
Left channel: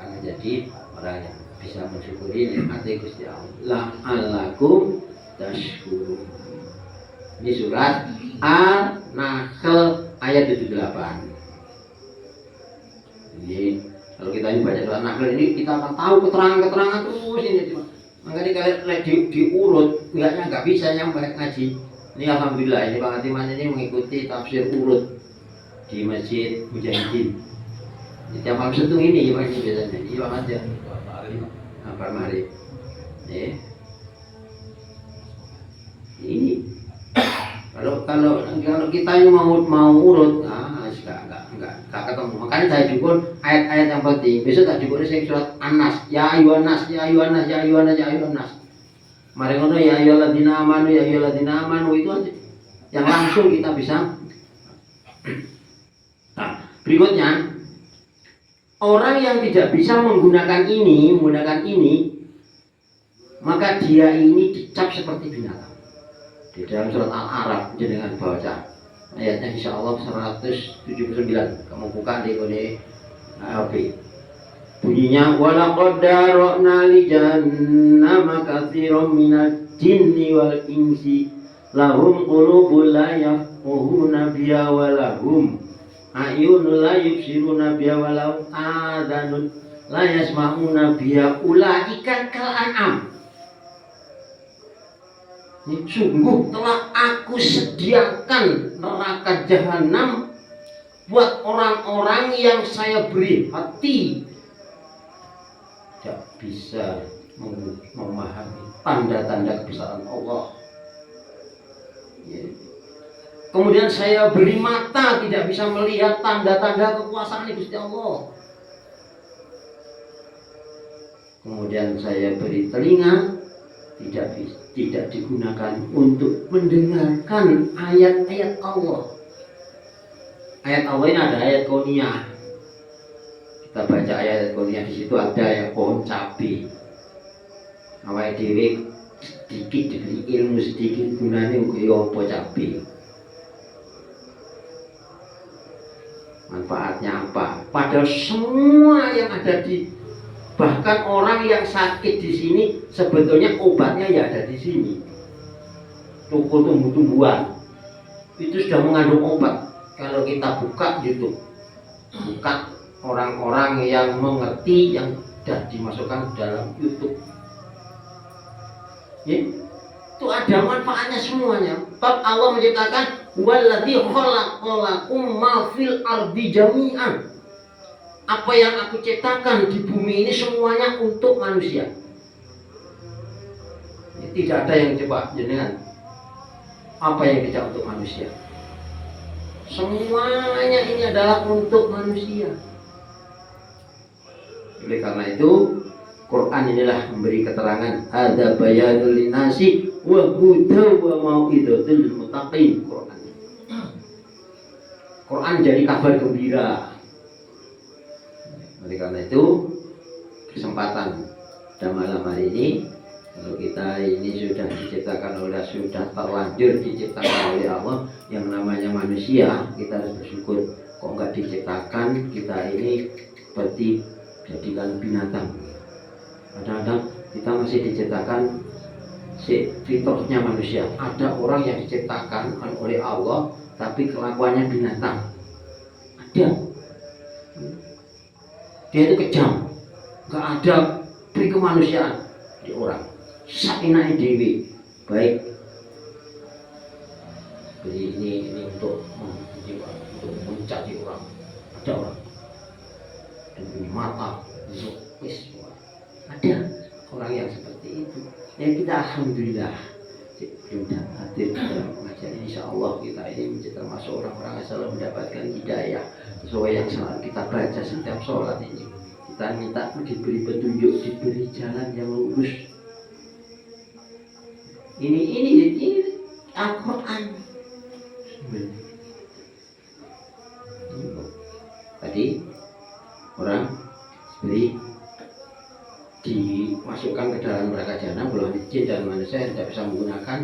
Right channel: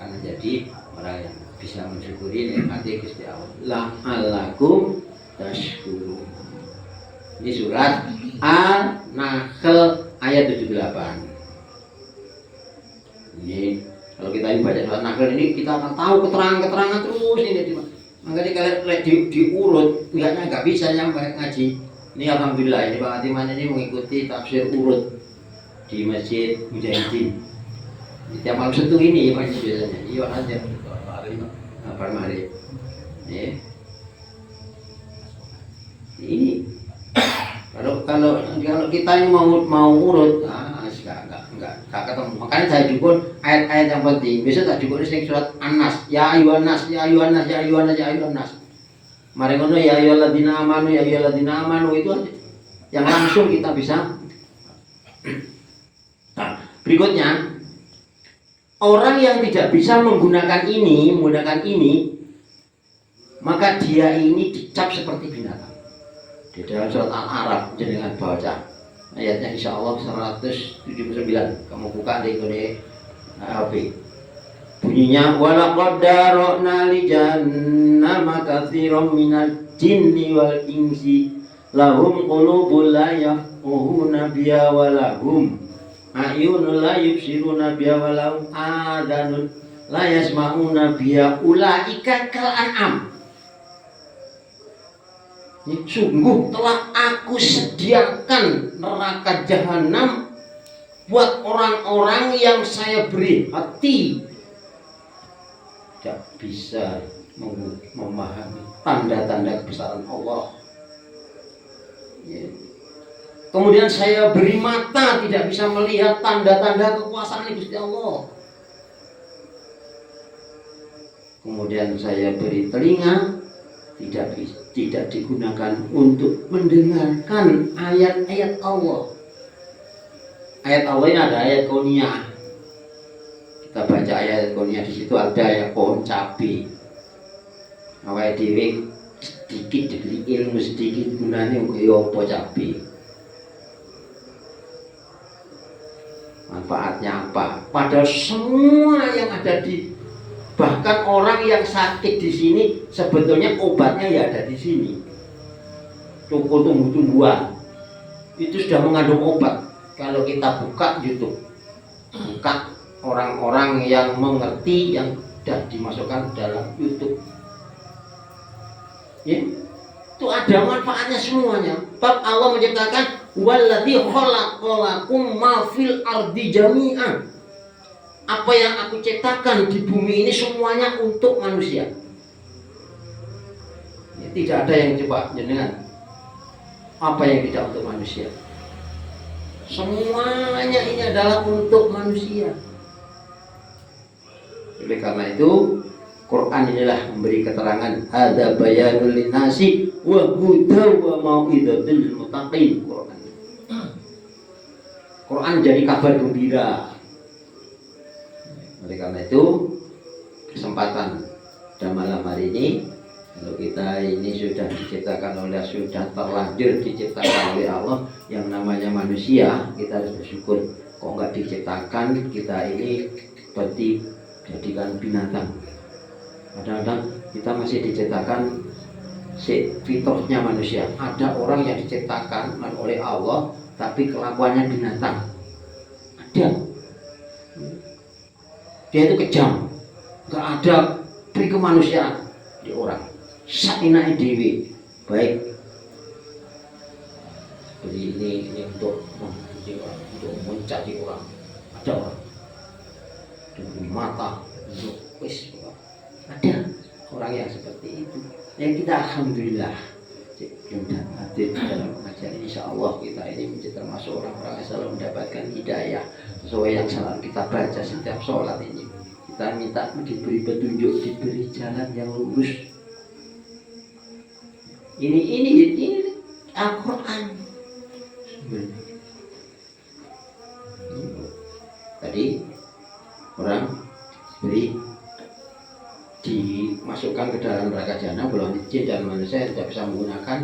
karena jadi orang yang bisa mensyukuri nikmatnya Gusti Allah. La'alakum tashkurun. Ini surat An-Nahl ayat 78. Ini kalau kita ini baca surat Nahl ini kita akan tahu keterangan terus ini. Makanya kalau diurut pihaknya nggak bisa nyampe ngaji. Ini alhamdulillah ini Pak Atiman ini mengikuti tafsir urut di Masjid Mujahidin. Tiap malam Sabtu ini Pak ini biasanya. Iya aja. Kapan mari? Ini kalau kita ini mau urut, enggak ketemu. Makanya saya jupun ayat-ayat yang penting. Besok tak jupun sing surat An-Nas. Ya ayyuhan nas, ya ayyuhan nas, ya ayyuhan nas, ya ayyuhan nas. Mari ngono ya ayyuhalladzina amanu itu aja. Yang langsung kita bisa. Nah, berikutnya orang yang tidak bisa menggunakan ini, maka dia ini dicap seperti binatang. Di dalam surat Al-A'raf jenengan baca ayatnya insyaallah 179. Kamu buka di HP. Bunyinya walaqad dara'na li jahannama katsiran minal jinni wal insi lahum qulubun la yafqahuna biha wa lahum a'yunun la yubsiruna biha wa lahum adhanun la yasma'una biha ulaika kal an'am. Ini sungguh telah aku sediakan neraka jahanam buat orang-orang yang saya beri hati tidak bisa memahami tanda-tanda kebesaran Allah. Kemudian saya beri mata tidak bisa melihat tanda-tanda kekuasaan Gusti Allah. Kemudian saya beri telinga tidak digunakan untuk mendengarkan ayat-ayat Allah. Ayat Allah ini ada ayat kauniyah. Kita baca ayat kauniyah, di situ ada ya pohon cabai. Awake dhewe sedikit diberi ilmu sedikit gunanya ya apa cabai. Manfaatnya apa? Padahal semua yang ada di Bahkan orang yang sakit di sini sebetulnya obatnya ya ada di sini. Toko tumbuh-tumbuhan itu sudah mengandung obat. Kalau kita buka YouTube, buka orang-orang yang mengerti yang sudah dimasukkan dalam YouTube, ya, itu ada manfaatnya semuanya. Bab Allah menciptakan waladzi khalaqalakum ma fil ardi jami'an. Apa yang aku ciptakan di bumi ini semuanya untuk manusia. Ya, tidak ada yang coba jenengan. Apa yang tidak untuk manusia? Semuanya ini adalah untuk manusia. Oleh karena itu, Quran inilah memberi keterangan ada bayanul linnasi wa hudaw wa mau'izatul muttaqin. Quran jadi kabar gembira. Oleh karena itu, kesempatan pada malam hari ini, kalau kita ini sudah diciptakan oleh, sudah terlanjur diciptakan oleh Allah yang namanya manusia, kita harus bersyukur. Kok enggak diciptakan kita ini seperti jadikan binatang. Kadang-kadang kita masih diciptakan fitrahnya manusia. Ada orang yang diciptakan oleh Allah tapi kelakuannya binatang. Ada. Dia itu kejam, nggak ada pri kemanusiaan di orang. Sakinah dewi, baik. Jadi ini untuk mencari orang. Ada orang dengan mata, untuk ada orang yang seperti itu. Yang kita alhamdulillah sudah hadir dalam pengajian. Insya Allah kita ini menjadi termasuk orang-orang yang selalu mendapatkan hidayah sesuai yang selalu kita baca setiap sholat ini. Kita minta diberi petunjuk, diberi jalan yang lurus. Ini Al-Quran. Tadi orang beri dimasukkan ke dalam neraka jahanam, golongan jin dan manusia yang tidak bisa menggunakan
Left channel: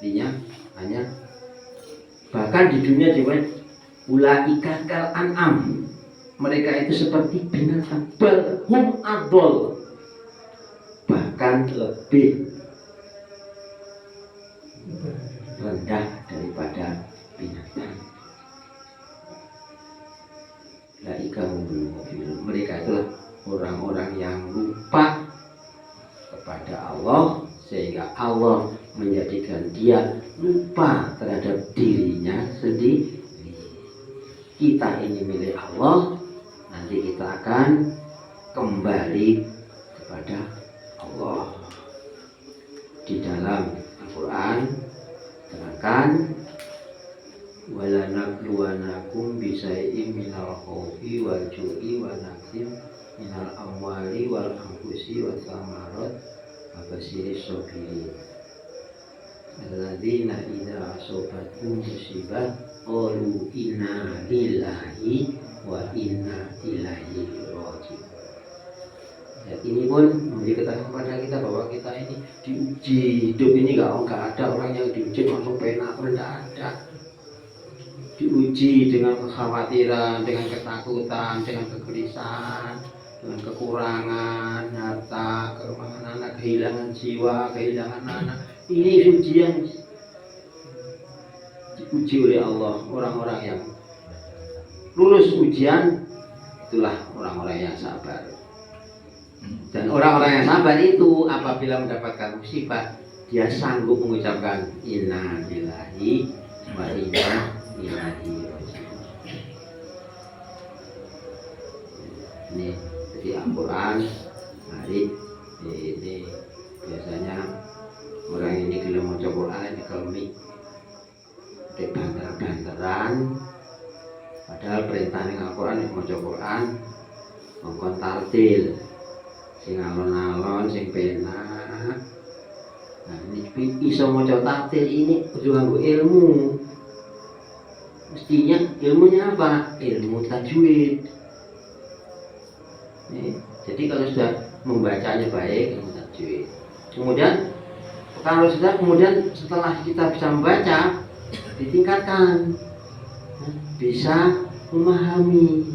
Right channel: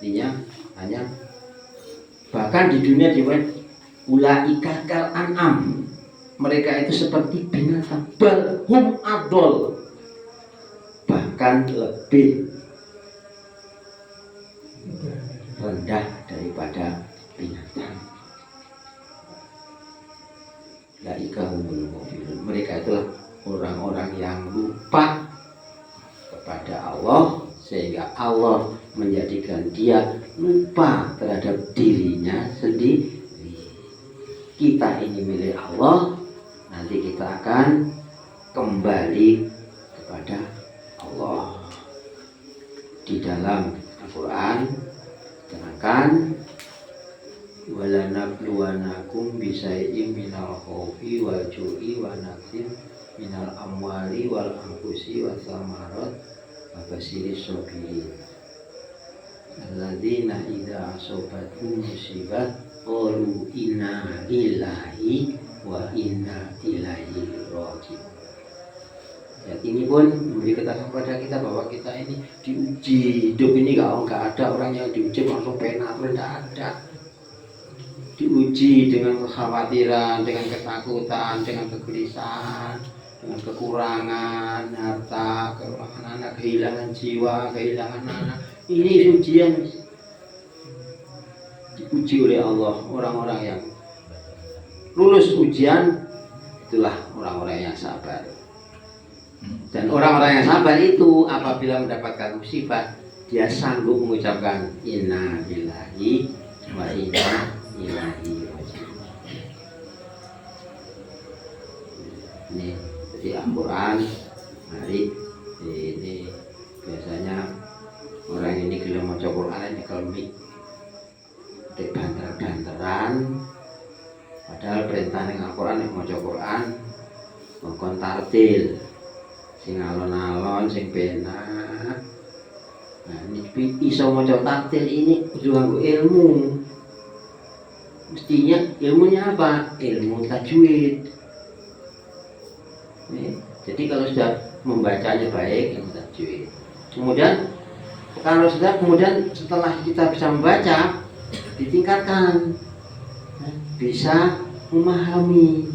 artinya hanya bahkan di dunia dimana ulaika kal an'am, mereka itu seperti binatang, balhum adol, bahkan lebih rendah daripada binatang. Ulaika humul ghafilun, mereka itu orang-orang yang lupa kepada Allah sehingga Allah menjadikan dia lupa terhadap dirinya sendiri. Kita ini milik Allah, nanti kita akan kembali kepada Allah. Di dalam Al-Quran terangkan wala nabluwanakum bisai'im minal khawfi wal ju'i wa naqsim minal amwali wal anfusi wa thamarat wa basiris sabirin alladzina idza asobathum musibat qalu inna lillahi wa inna ilaihi raji'un. Ya, ini pun memberi keterangan kepada kita bahwa kita ini diuji. Hidup ini nggak ada orang yang diuji langsung penak, tidak ada. Diuji dengan kekhawatiran, dengan ketakutan, dengan kegelisahan, dengan kekurangan harta, kekurangan anak, kehilangan jiwa, kehilangan anak. Ini ujian, diuji oleh Allah. Orang-orang yang lulus ujian itulah orang-orang yang sabar. Dan orang-orang yang sabar itu apabila mendapatkan musibah, dia sanggup mengucapkan inna lillahi wa inna ilaihi raji'un. Ini jadi Al-Quran hari ini biasanya orang ini kalau mau coba Quran ini kelemik di banter-banteran, padahal perintah dengan Al-Quran yang mau coba Quran ngomong tartil sing alon-alon sing penak. Nah ini bisa mau coba tartil ini kudu nganggo ilmu. Mestinya ilmunya apa? Ilmu tajwid. Jadi kalau sudah membacanya baik, ilmu tajwid. Kemudian kalau setelah kita bisa membaca, ditingkatkan, bisa memahami,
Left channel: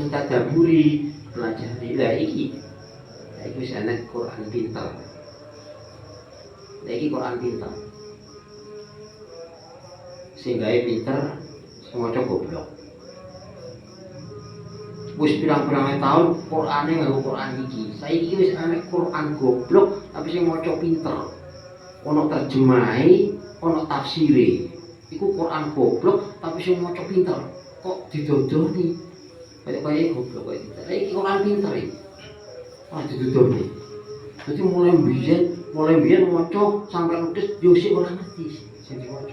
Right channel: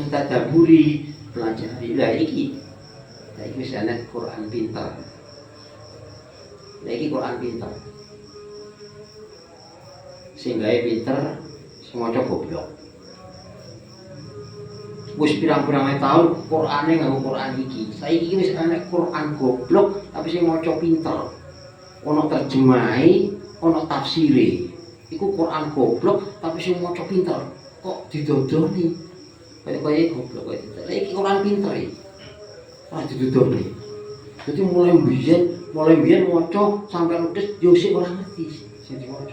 mentadaburi, pelajari. Lah ini Saiki wis ana Quran pinter. Iki Quran pinter. Sing gawe pinter, sing maca goblok. Wis pirang-pirang tahun Qurane nganggo Quran iki. Saiki wis ana Quran goblok tapi sing maca pinter. Ono terjemahe, ono tafsire. Iku Quran goblok tapi sing maca pinter. Kok didodoni? Kayak goblok kok. Iki Quran pinter iki. Ora didodoni. Dadi mulai biyen maca sampai ludes yo sik ora ngerti sing diwaca.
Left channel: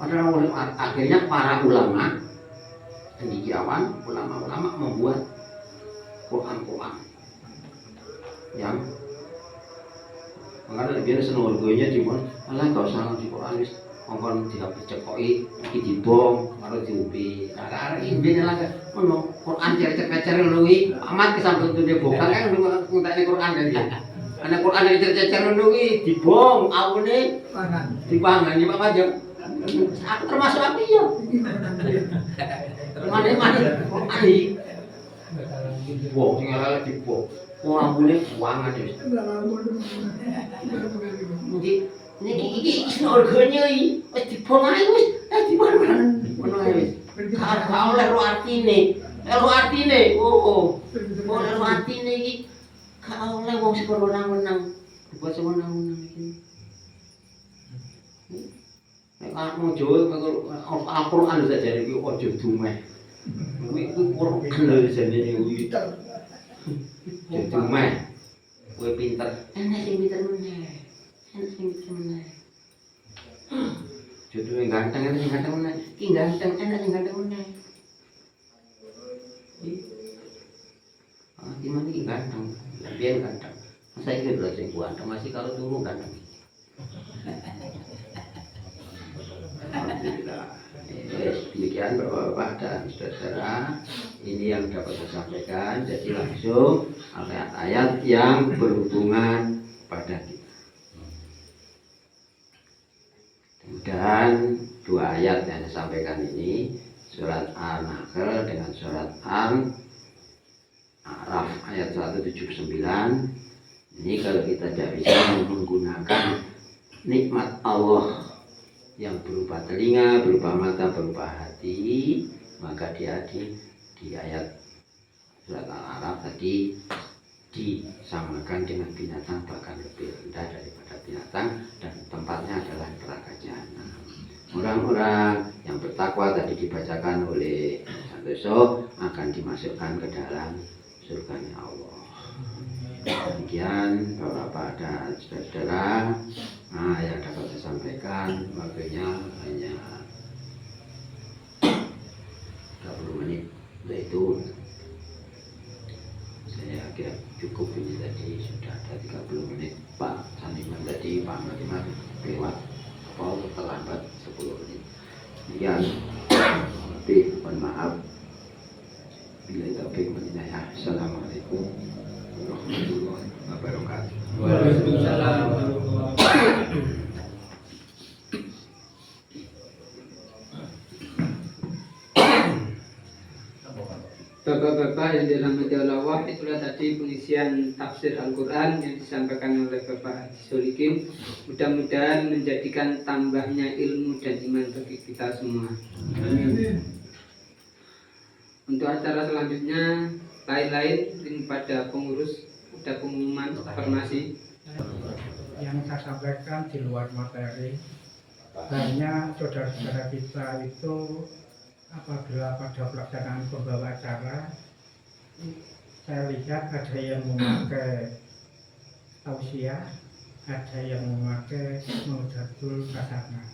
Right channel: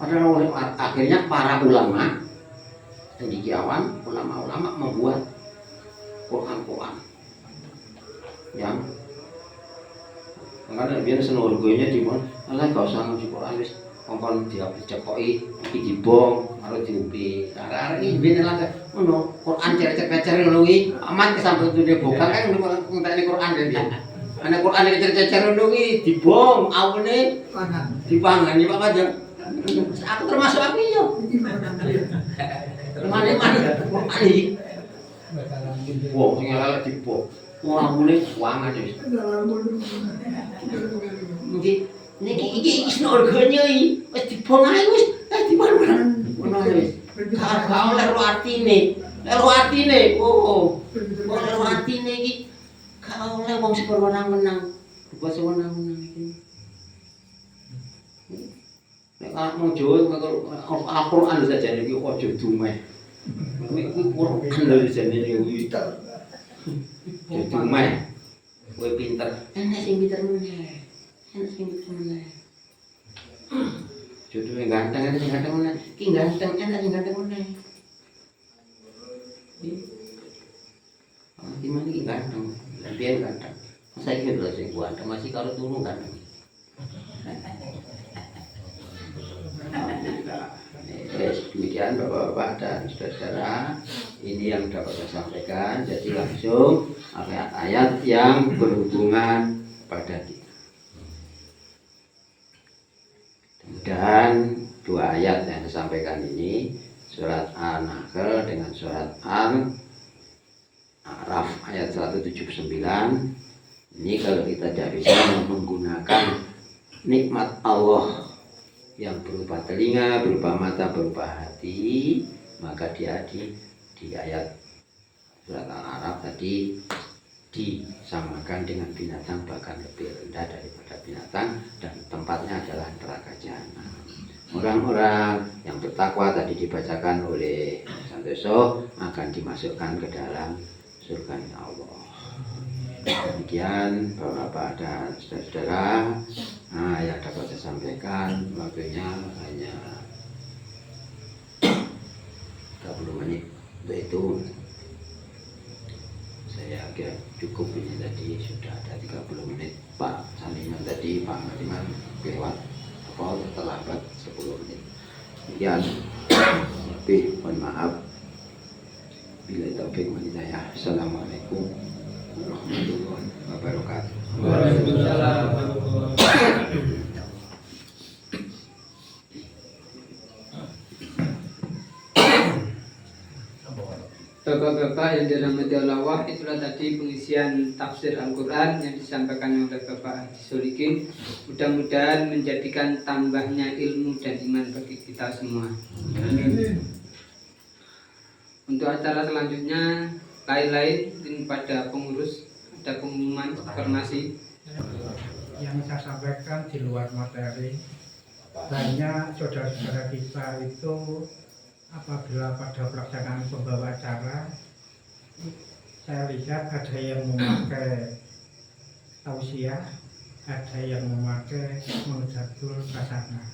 Padahal akhirnya para ulama cendekiawan, ulama-ulama membuat Quran. Ya. Makanya biar senorgonya dimon, malah gak usah ngaji Quran wis ngomong dicekoki iki dibong karo diombe. Nah, iki ben lah ngono, Quran cecer-cecer ngono iki amat kesambut duwe bokal ae ngono ngenteni Quran dhewe. Ana Quran cecer-cecer ngono iki dibong awene dipangan iki Pak aja. Aku termasuk aku yo. Mana Quran iki. Wong sing ala dibong. Ora mulai wangan wis. Iki snorgonya iki wis dibong ae wis dadi barang. Ngono wis. Ka oleh ro artine. Ro artine. Oh. Ora ro artine iki ka oleh wong sing wenang-wenang. Bukan sing wenang-wenang iki. Nek mau Jawa Al-Qur'an saja iki aja dumeh. Kuwi Quran lho jane iki. Jadi meh, gue pinter. Enak sing pinter meneh. Jodoh yang ganteng, enak sing ganteng meneh. Ki ganteng, enak sing ganteng meneh. Gimana ki ganteng? Biar ganteng. Masa iki lho sing ganteng masih kalau tunggu ganteng. Alhamdulillah. Demikian Bapak-bapak dan saudara, ini yang dapat saya sampaikan. Jadi langsung ayat-ayat yang berhubungan pada kita. Dan dua ayat yang disampaikan ini, surat An-Nahl dengan surat Al-A'raf ayat 179. Ini kalau kita tidak bisa menggunakan nikmat Allah yang berupa telinga, berupa mata, berupa hati, maka dia di ayat surat Al-A'raf tadi disamakan dengan binatang, bahkan lebih rendah daripada binatang, dan tempatnya adalah neraka jahanam. Orang-orang yang bertakwa tadi dibacakan oleh Santoso akan dimasukkan ke dalam surga Allah. Demikian Bapak-bapak dan saudara-saudara, yang dapat saya sampaikan, waktunya hanya 30 menit. Itu saya kira cukup, ini tadi sudah ada 30 menit. Pak Sanina tadi, Pak Madimat lewat terlambat 10 menit. Demikian, lebih mohon maaf. Bila taufik wal hidayah. Assalamualaikum warahmatullahi wabarakatuh. Waalaikumsalam. Bapak-bapak yang dirahmati Allah, itulah tadi pengisian tafsir Al-Quran yang disampaikan oleh Bapak Haji Solikin. Mudah-mudahan menjadikan tambahnya ilmu dan iman bagi kita semua. Amin. Untuk acara selanjutnya, lain-lain ini pada pengurus, ada pengumuman informasi. Yang saya sampaikan di luar materi, banyak saudara-saudara kita itu apabila pada pelaksanaan pembawa acara, saya lihat ada yang memakai tausiah, ada yang memakai Mudatul Kasana.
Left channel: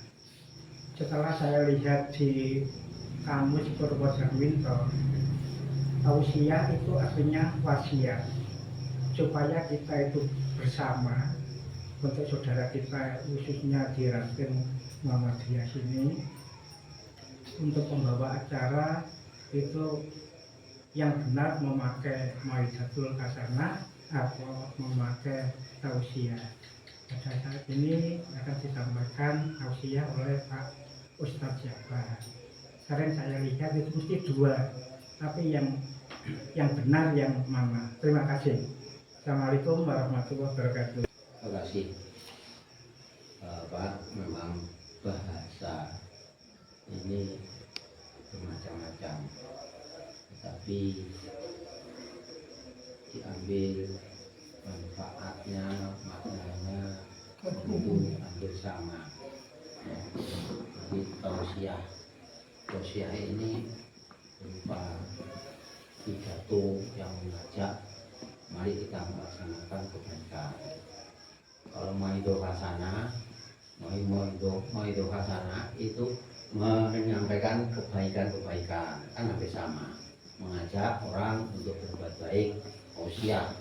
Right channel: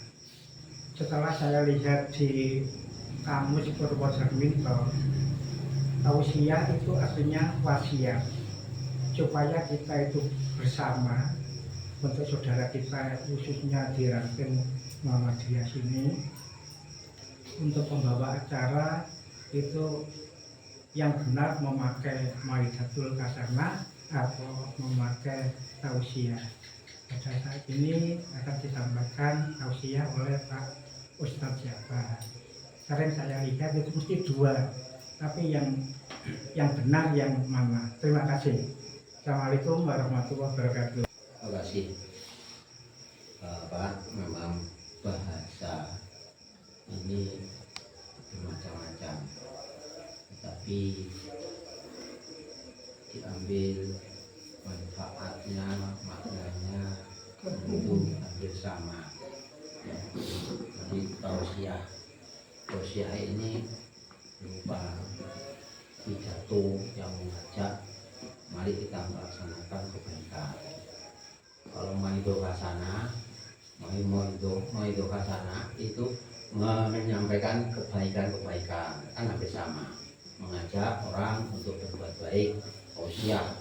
Setelah saya lihat di kamus Purwodarminto, tausiah itu artinya wasiat, supaya kita itu bersama untuk saudara kita khususnya di ranting Muhammadiyah sini, untuk pembawa acara itu yang benar memakai Maidatul Kasana atau memakai tausiah. Pada saat ini akan disampaikan tausiah oleh Pak Ustadz Jabar. Sering saya lihat itu mesti dua, tapi yang benar yang mana? Terima kasih. Assalamualaikum warahmatullahi wabarakatuh. Terima kasih Bapak. Memang bahasa ini bermacam-macam, tetapi diambil manfaatnya, maknanya itu hampir sama ya. Jadi tausiah ini berupa pidato yang mengajak mari kita melaksanakan kebaikan. Kalau maido hasanah, maido hasanah itu menyampaikan kebaikan-kebaikan, kan hampir sama, mengajak orang untuk berbuat baik. Tausiah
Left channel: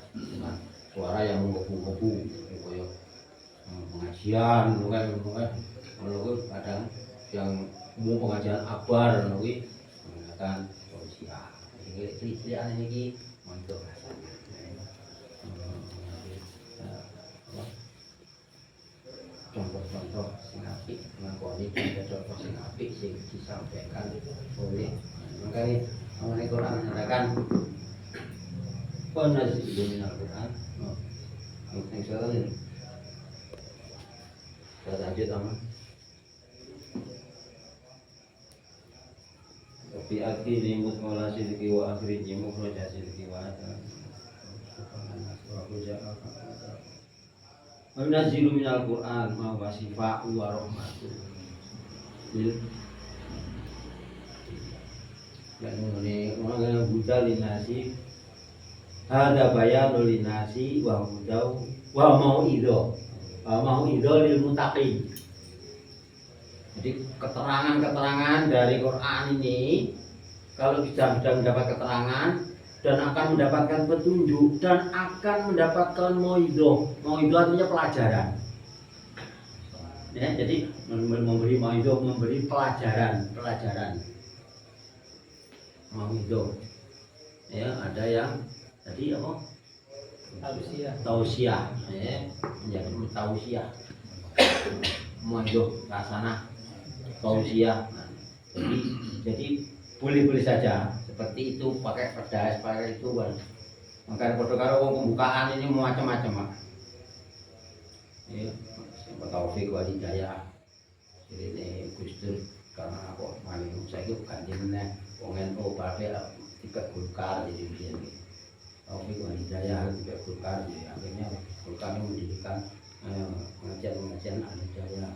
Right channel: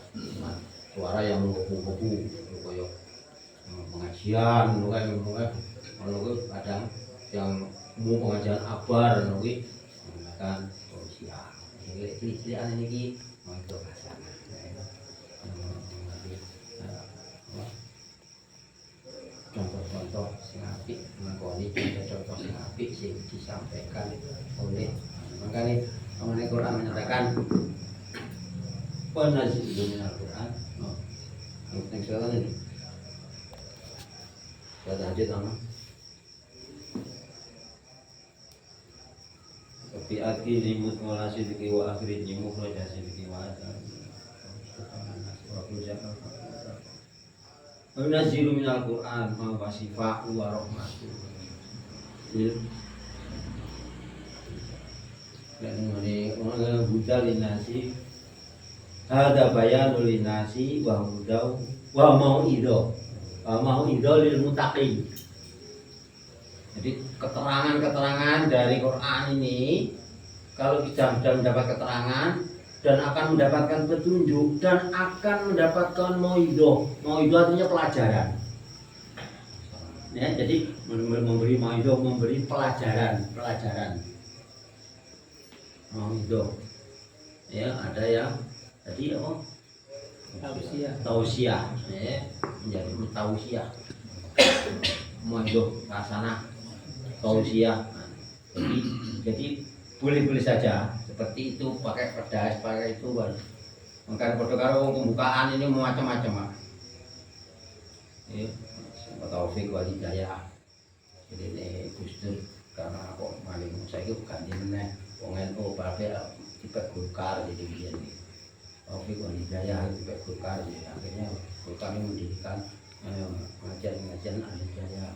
suara yang menggebu-gebu, koyok pengajian, kadang yang mau pengajian akbar, menggunakan tausiah. Itu istilahnya ini maido hasanah. Contoh-contoh sing apik, ngakoni contoh sing apik sing disampaikan oleh makanya mengenai Quran menyatakan penazilun Al-Quran. Yang sekarang ini kita lanjut sama tapi aki limut mola sidiki wa akhirin jimuk raja sidiki wa Nazilu minal Qur'an ma wasifa'u wa rahmatu. Dan mengenai Buddha linasi ada bayanu linasi wa hudau wa mau'ido lil muttaqin. Jadi keterangan-keterangan dari Quran ini kalau kita sudah mendapat keterangan dan akan mendapatkan petunjuk dan akan mendapatkan mau'idoh. Mau'idoh artinya pelajaran. Ya, jadi memberi mau'idoh, memberi pelajaran. Mau'idoh. Ya, ada yang tadi apa? Tausiah. Ya, menjadi tausiah. Mau'idoh hasanah. Tausiah. Jadi boleh-boleh saja seperti itu, pakai pedas, pakai itu kan. Maka pada karo pembukaan ini macam-macam, Pak. Ya, taufik wal hidayah. Jadi ini Gustur karena kok maling saiki ganti meneh wong NU bae tipe Golkar jadi biyen iki. Taufik wal hidayah tipe Golkar jadi akhirnya Golkar ini mendirikan pengajian al hidayah.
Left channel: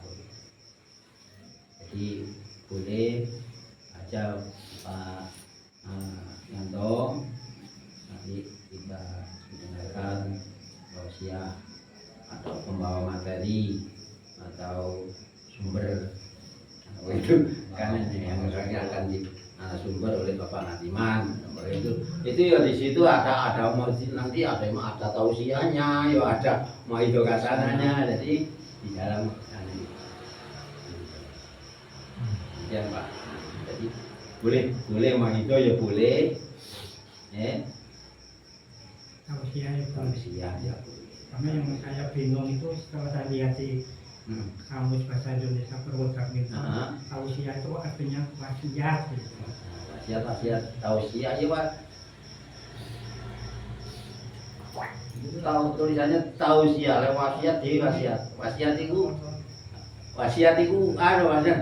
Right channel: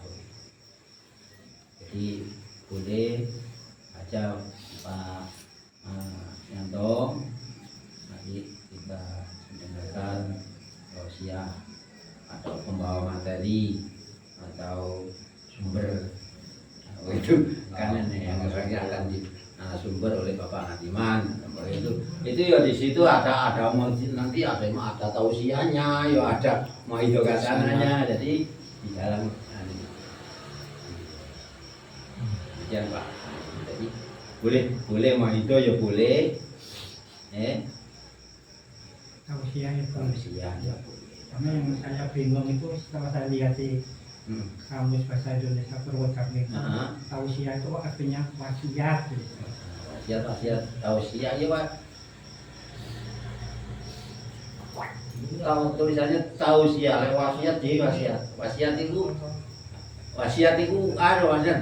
Jadi boleh aja Pak Yanto, nanti kita mendengarkan tausiah atau pembawa materi atau sumber. Itu kan ini yang akan di sumber oleh Bapak Ngatiman. Itu ya di situ ada nanti ada tausiahnya, ya ada maido kasananya. Jadi di dalam ya Pak. Jadi boleh maido ya boleh. Tausiah itu. Tausiah ya boleh. Sama yang saya bingung itu setelah saya lihat di kamus bahasa Indonesia Purwodarmin. Tausiah itu artinya wasiat. Wasiat tausiah ya Pak. Tahu tulisannya tausiah, lewat wasiat di wasiat. Wasiat itu ada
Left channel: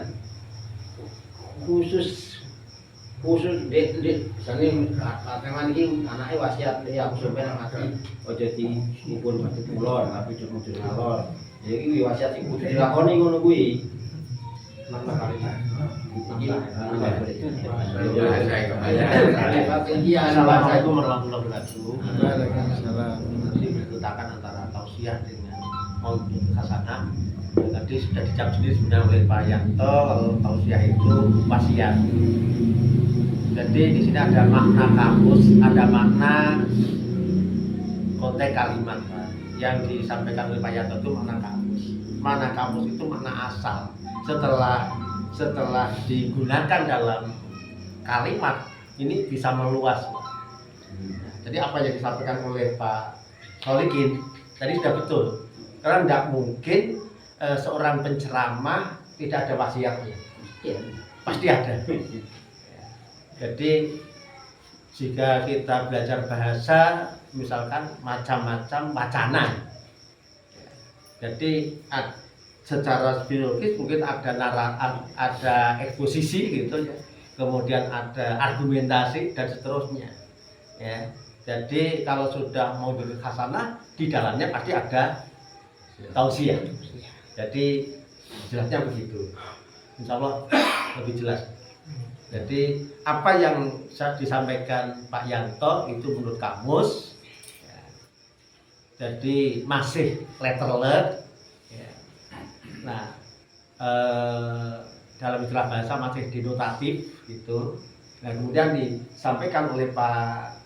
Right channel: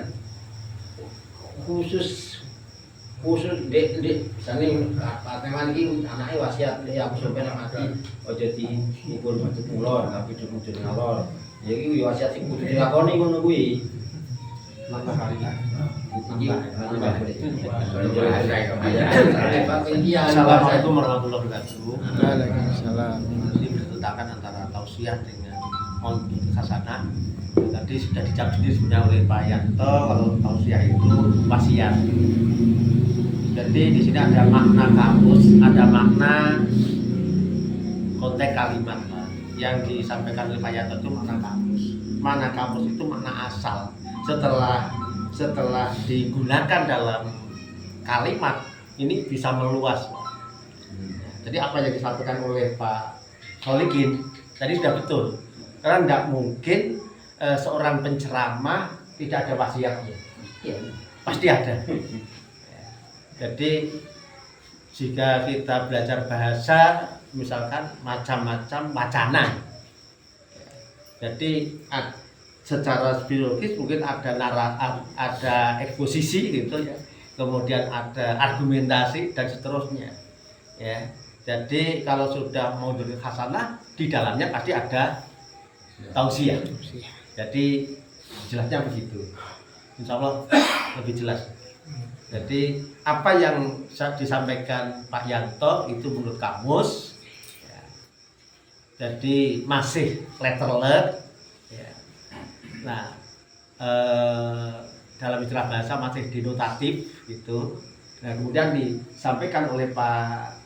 khusus dek misalnya memang ini anaknya wasiat dia aku sampai mati ojo dikubur mati mulon tapi cuma ngalor jadi wasiat sing kudu dilakoni ngono kuwi Assalamualaikum warahmatullahi wabarakatuh. Waalaikumsalam. Nanti bertentangan antara tausiah dengan mau'idoh hasanah. Tadi sudah dicap sendiri sebenarnya oleh Pak Yanto kalau tausiah itu wasiat. Jadi di sini ada makna kamus, ada makna konteks kalimat, Pak. Yang disampaikan oleh Pak Yanto itu makna kamus. Makna kamus itu makna asal. Setelah digunakan dalam kalimat ini bisa meluas, Pak. Jadi apa yang disampaikan oleh Pak Solikin tadi sudah betul. Karena tidak mungkin seorang penceramah tidak ada wasiatnya. Pasti ada. Jadi jika kita belajar bahasa, misalkan macam-macam wacana. Jadi secara biologis mungkin ada eksposisi gitu ya, kemudian ada argumentasi dan seterusnya. Ya, jadi kalau sudah maudhu'ul hasanah di dalamnya pasti ada tausiah. Jadi jelasnya begitu. Insya Allah lebih jelas. Jadi apa yang disampaikan Pak Yanto itu menurut kamus, ya, jadi masih letterless. Ya. Nah, dalam istilah bahasa masih denotatif gitu. Nah kemudian disampaikan oleh Pak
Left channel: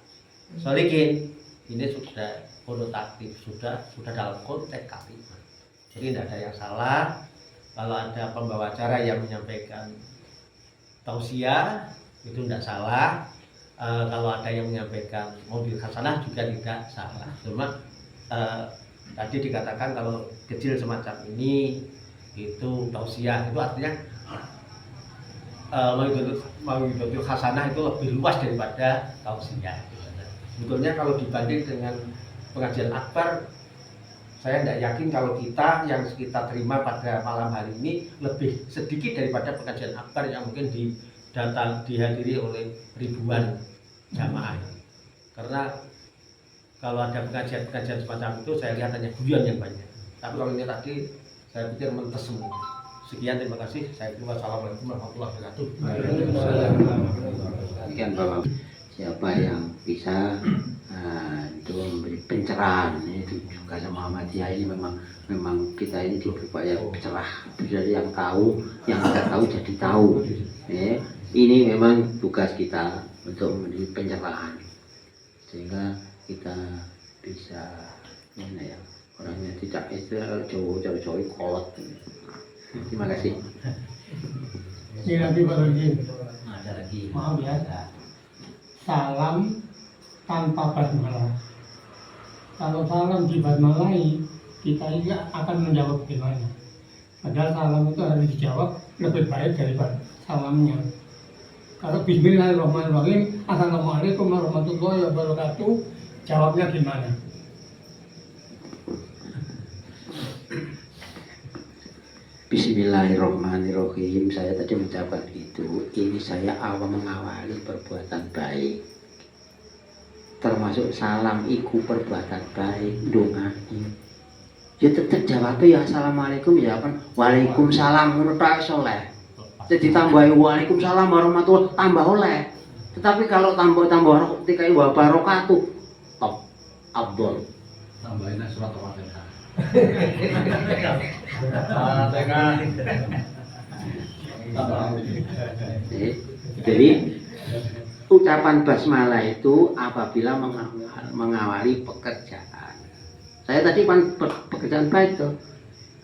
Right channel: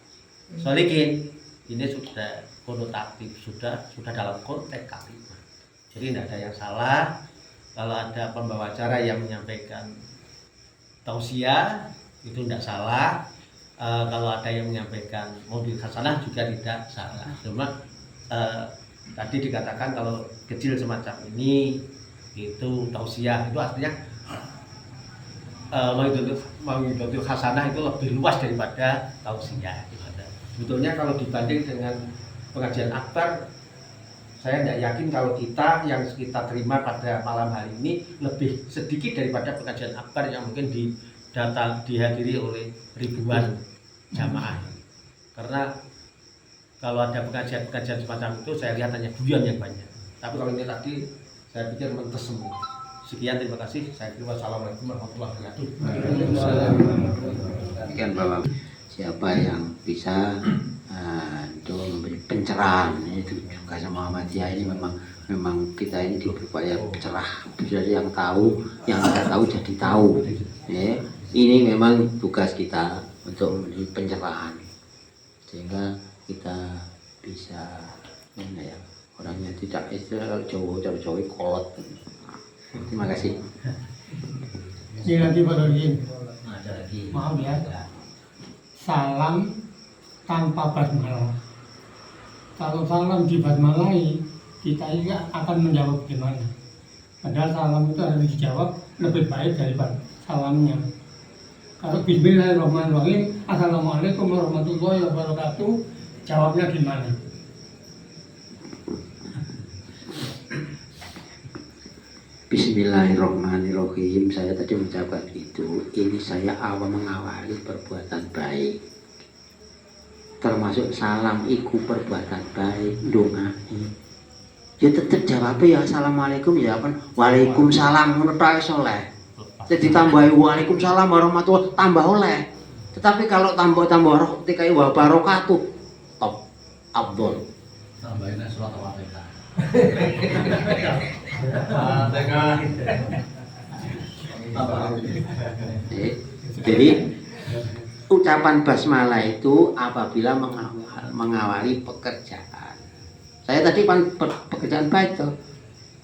Solikin ini sudah konotatif, sudah dalam konteks kalimat. Jadi tidak ada yang salah kalau ada pembawa acara yang menyampaikan tausiah itu tidak salah, kalau ada yang menyampaikan maudhu'ul hasanah juga tidak salah. Cuma tadi dikatakan kalau kecil semacam ini itu tausiah, itu artinya maudhu'ul hasanah itu lebih luas daripada tausiah. Sebetulnya kalau dibanding dengan pengajian akbar, saya tidak yakin kalau kita yang kita terima pada malam hari ini lebih sedikit daripada pengajian akbar yang mungkin dihadiri oleh ribuan jamaah. Karena kalau ada pengajian semacam itu saya lihat hanya durian yang banyak. Tapi kalau ini tadi saya pikir mentes semua. Sekian, terima kasih. Saya kira wassalamualaikum warahmatullahi wabarakatuh. Demikian Bapak, siapa yang bisa untuk memberi pencerahan itu juga sama Muhammadiyah ini memang kita ini berupaya cerah. Jadi yang tahu, yang tidak tahu jadi tahu. Ya, ini memang tugas kita untuk memberi pencerahan sehingga kita bisa ya, orangnya tidak istilah jauh-jauh kolot. Terima kasih. Nanti baru lagi. Ada lagi. Maaf ya. Salam tanpa basmalah. Kalau salam dibasmalai, kita ini akan menjawab gimana? Padahal salam itu harus dijawab lebih baik daripada salamnya. Kalau Bismillahirrahmanirrahim, Assalamualaikum warahmatullahi wabarakatuh, jawabnya gimana? Bismillahirrahmanirrahim. Saya tadi mengucapkan itu. Ini saya mengawali perbuatan baik. Termasuk salam iku perbuatan baik, doa. Ya tetap jawabnya ya assalamualaikum, ya kan waalaikumsalam, ngono tok soleh. Jadi tambahi waalaikumsalam warahmatullahi tambah oleh. Tetapi kalau tambah ketika wa barakatuh top abdul. Tambahin surat Al-Fatihah. Jadi ucapan basmalah itu apabila mengawali pekerjaan. Saya tadi pekerjaan baik tuh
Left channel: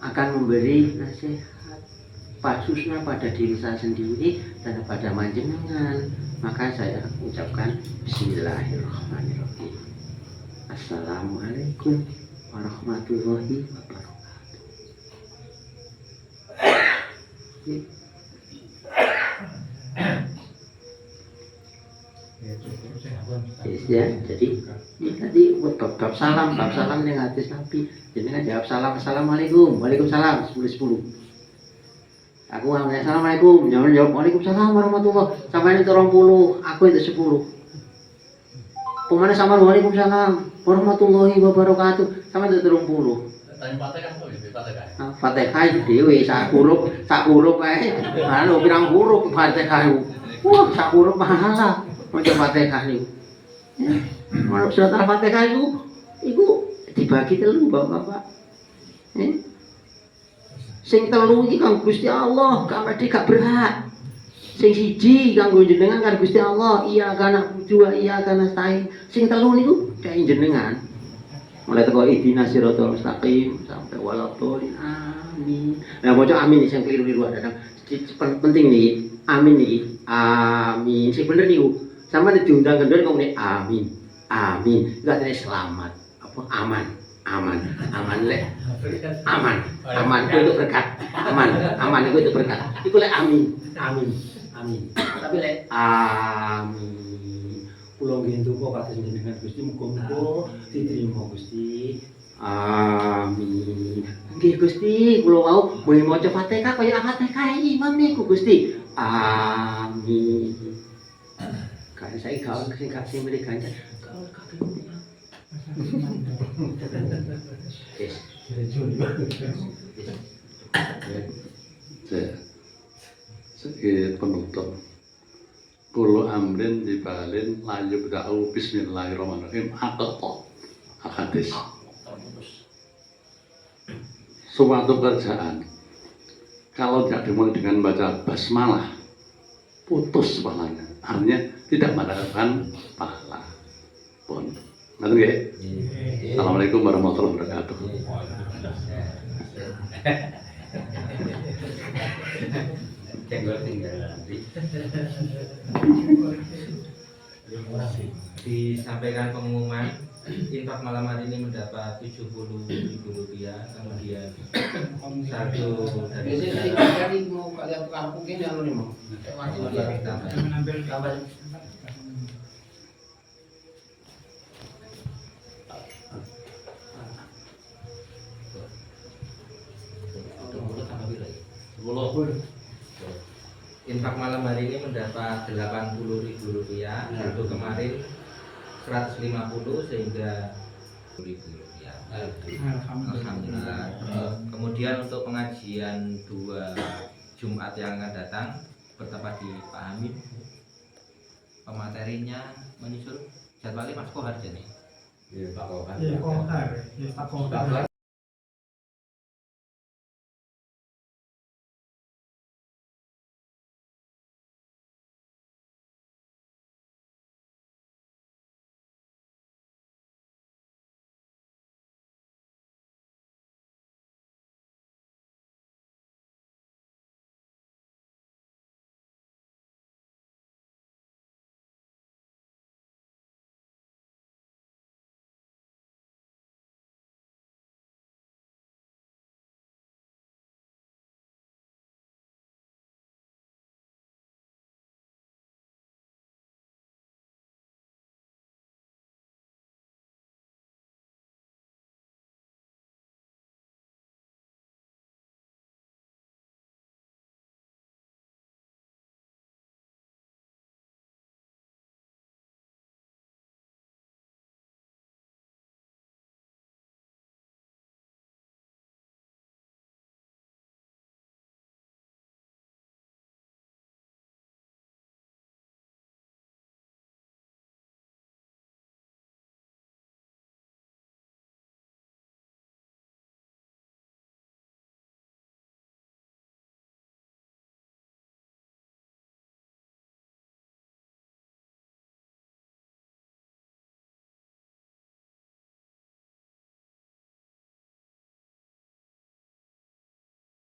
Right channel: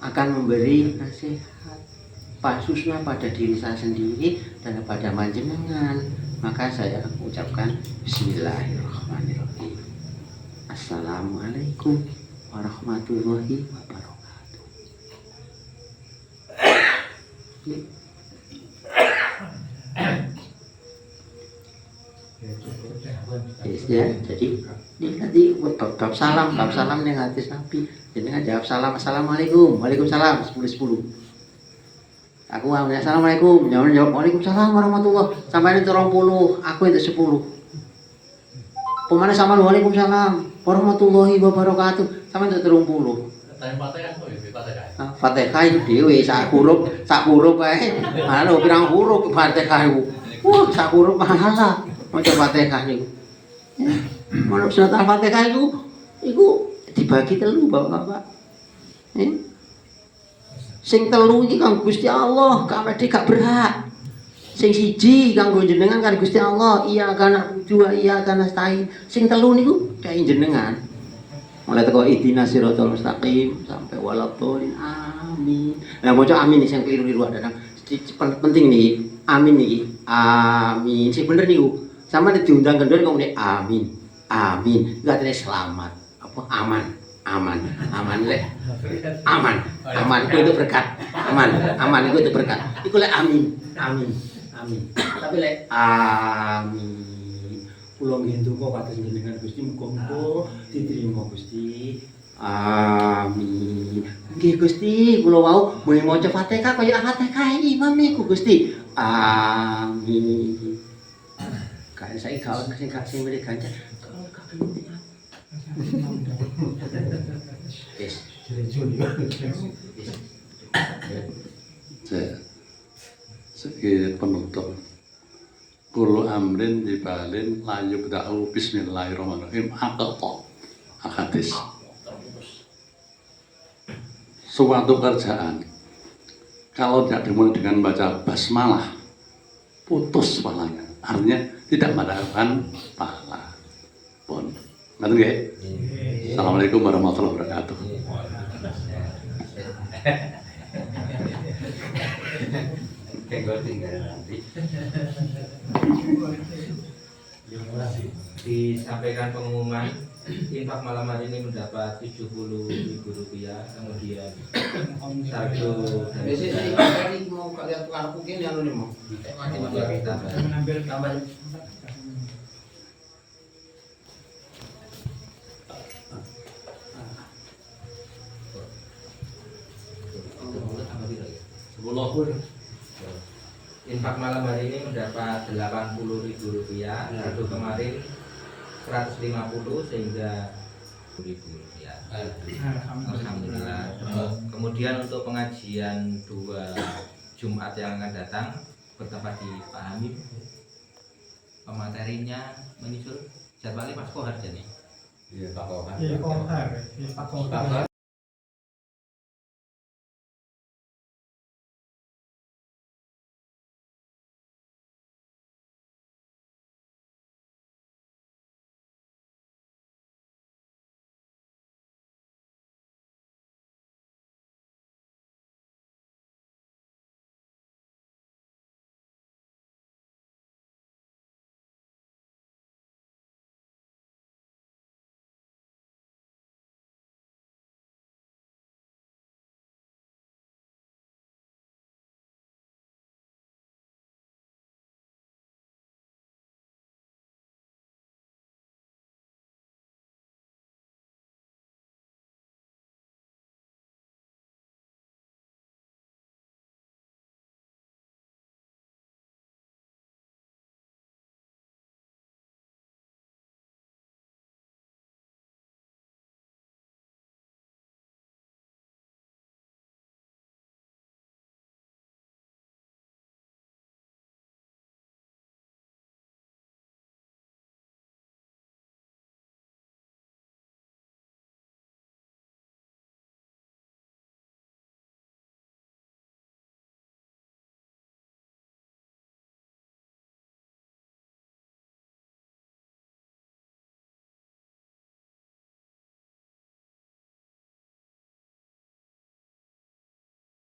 akan memberi nasihat khususnya pada diri saya sendiri dan pada panjenengan. Maka saya ucapkan Bismillahirrahmanirrahim. Assalamualaikum warahmatullahi wabarakatuh. Ya, jadi ini tadi bab salam yang hadis Nabi. Jadi kan jawab salam assalamualaikum, waalaikumsalam 10-10. Aku ngomong assalamualaikum, jawab waalaikumsalam warahmatullahi. Sampai itu 20, aku itu 10. Pemane sama waalaikumsalam warahmatullahi wabarakatuh. Sampai itu 30. Tanya Fatihah tuh ya, Fatihah. Fatihah itu dhewe sak huruf kae. Mana pirang huruf Fatihah itu. Sak huruf pahala. Macam Fatihah niku. Manuk surat Al-Fatihah itu dibagi telu Bapak-bapak. Sing telu iki kang Gusti Allah, gak berhak. Sing siji kanggo jenengan kan Gusti Allah, iya kana dua iya kana stain. Sing telu niku kae jenengan. Mulai teko ihdinas siratal mustaqim sampai waladhdallin amin. Nah bocah amin sing keliru-keliru ada. Penting nih, amin nih. Amin. Sing bener niku. Sama diundang kendor kok nek amin. Amin. Enggak ada selamat. Apa aman lek. Aman itu berkat. Aman itu berkat. Iku lek amin. Tapi lek amin. kula nggih ndonga kados jenengan Gusti muga-muga diterima Gusti. Amin. Nggih Gusti, kula wau mulai maca Fatihah kaya Fatihah imam niku Gusti. Amin. Kae saiki gawe sing kasih mriki ganjar. Gawe kakek. Yes. Sebagai penutup, kulo amrin dibalin layu bda'u bismillahirrahmanirrahim atau hadis. Suatu kerjaan kalau tidak dimulai dengan baca basmalah putus pahalanya, artinya tidak mendapatkan pahala pun. Ngerti nggih? Assalamualaikum warahmatullahi wabarakatuh. Tinggal nanti. Disampaikan pengumuman infak malam hari ini mendapat Rp70.000, kemudian saldo dari Biasanya mau kalian tukar mungkin yang ini mau. Mengambil Gambar. infak malam hari ini mendapat Rp80.000, saldo kemarin 150 sehingga Rp10.000. Alhamdulillah. Kemudian untuk pengajian 2 Jumat yang akan datang bertempat di Pak Hamid, pematerinya menyusul jadwalnya Mas Kohar jadi. Iya, Kohar.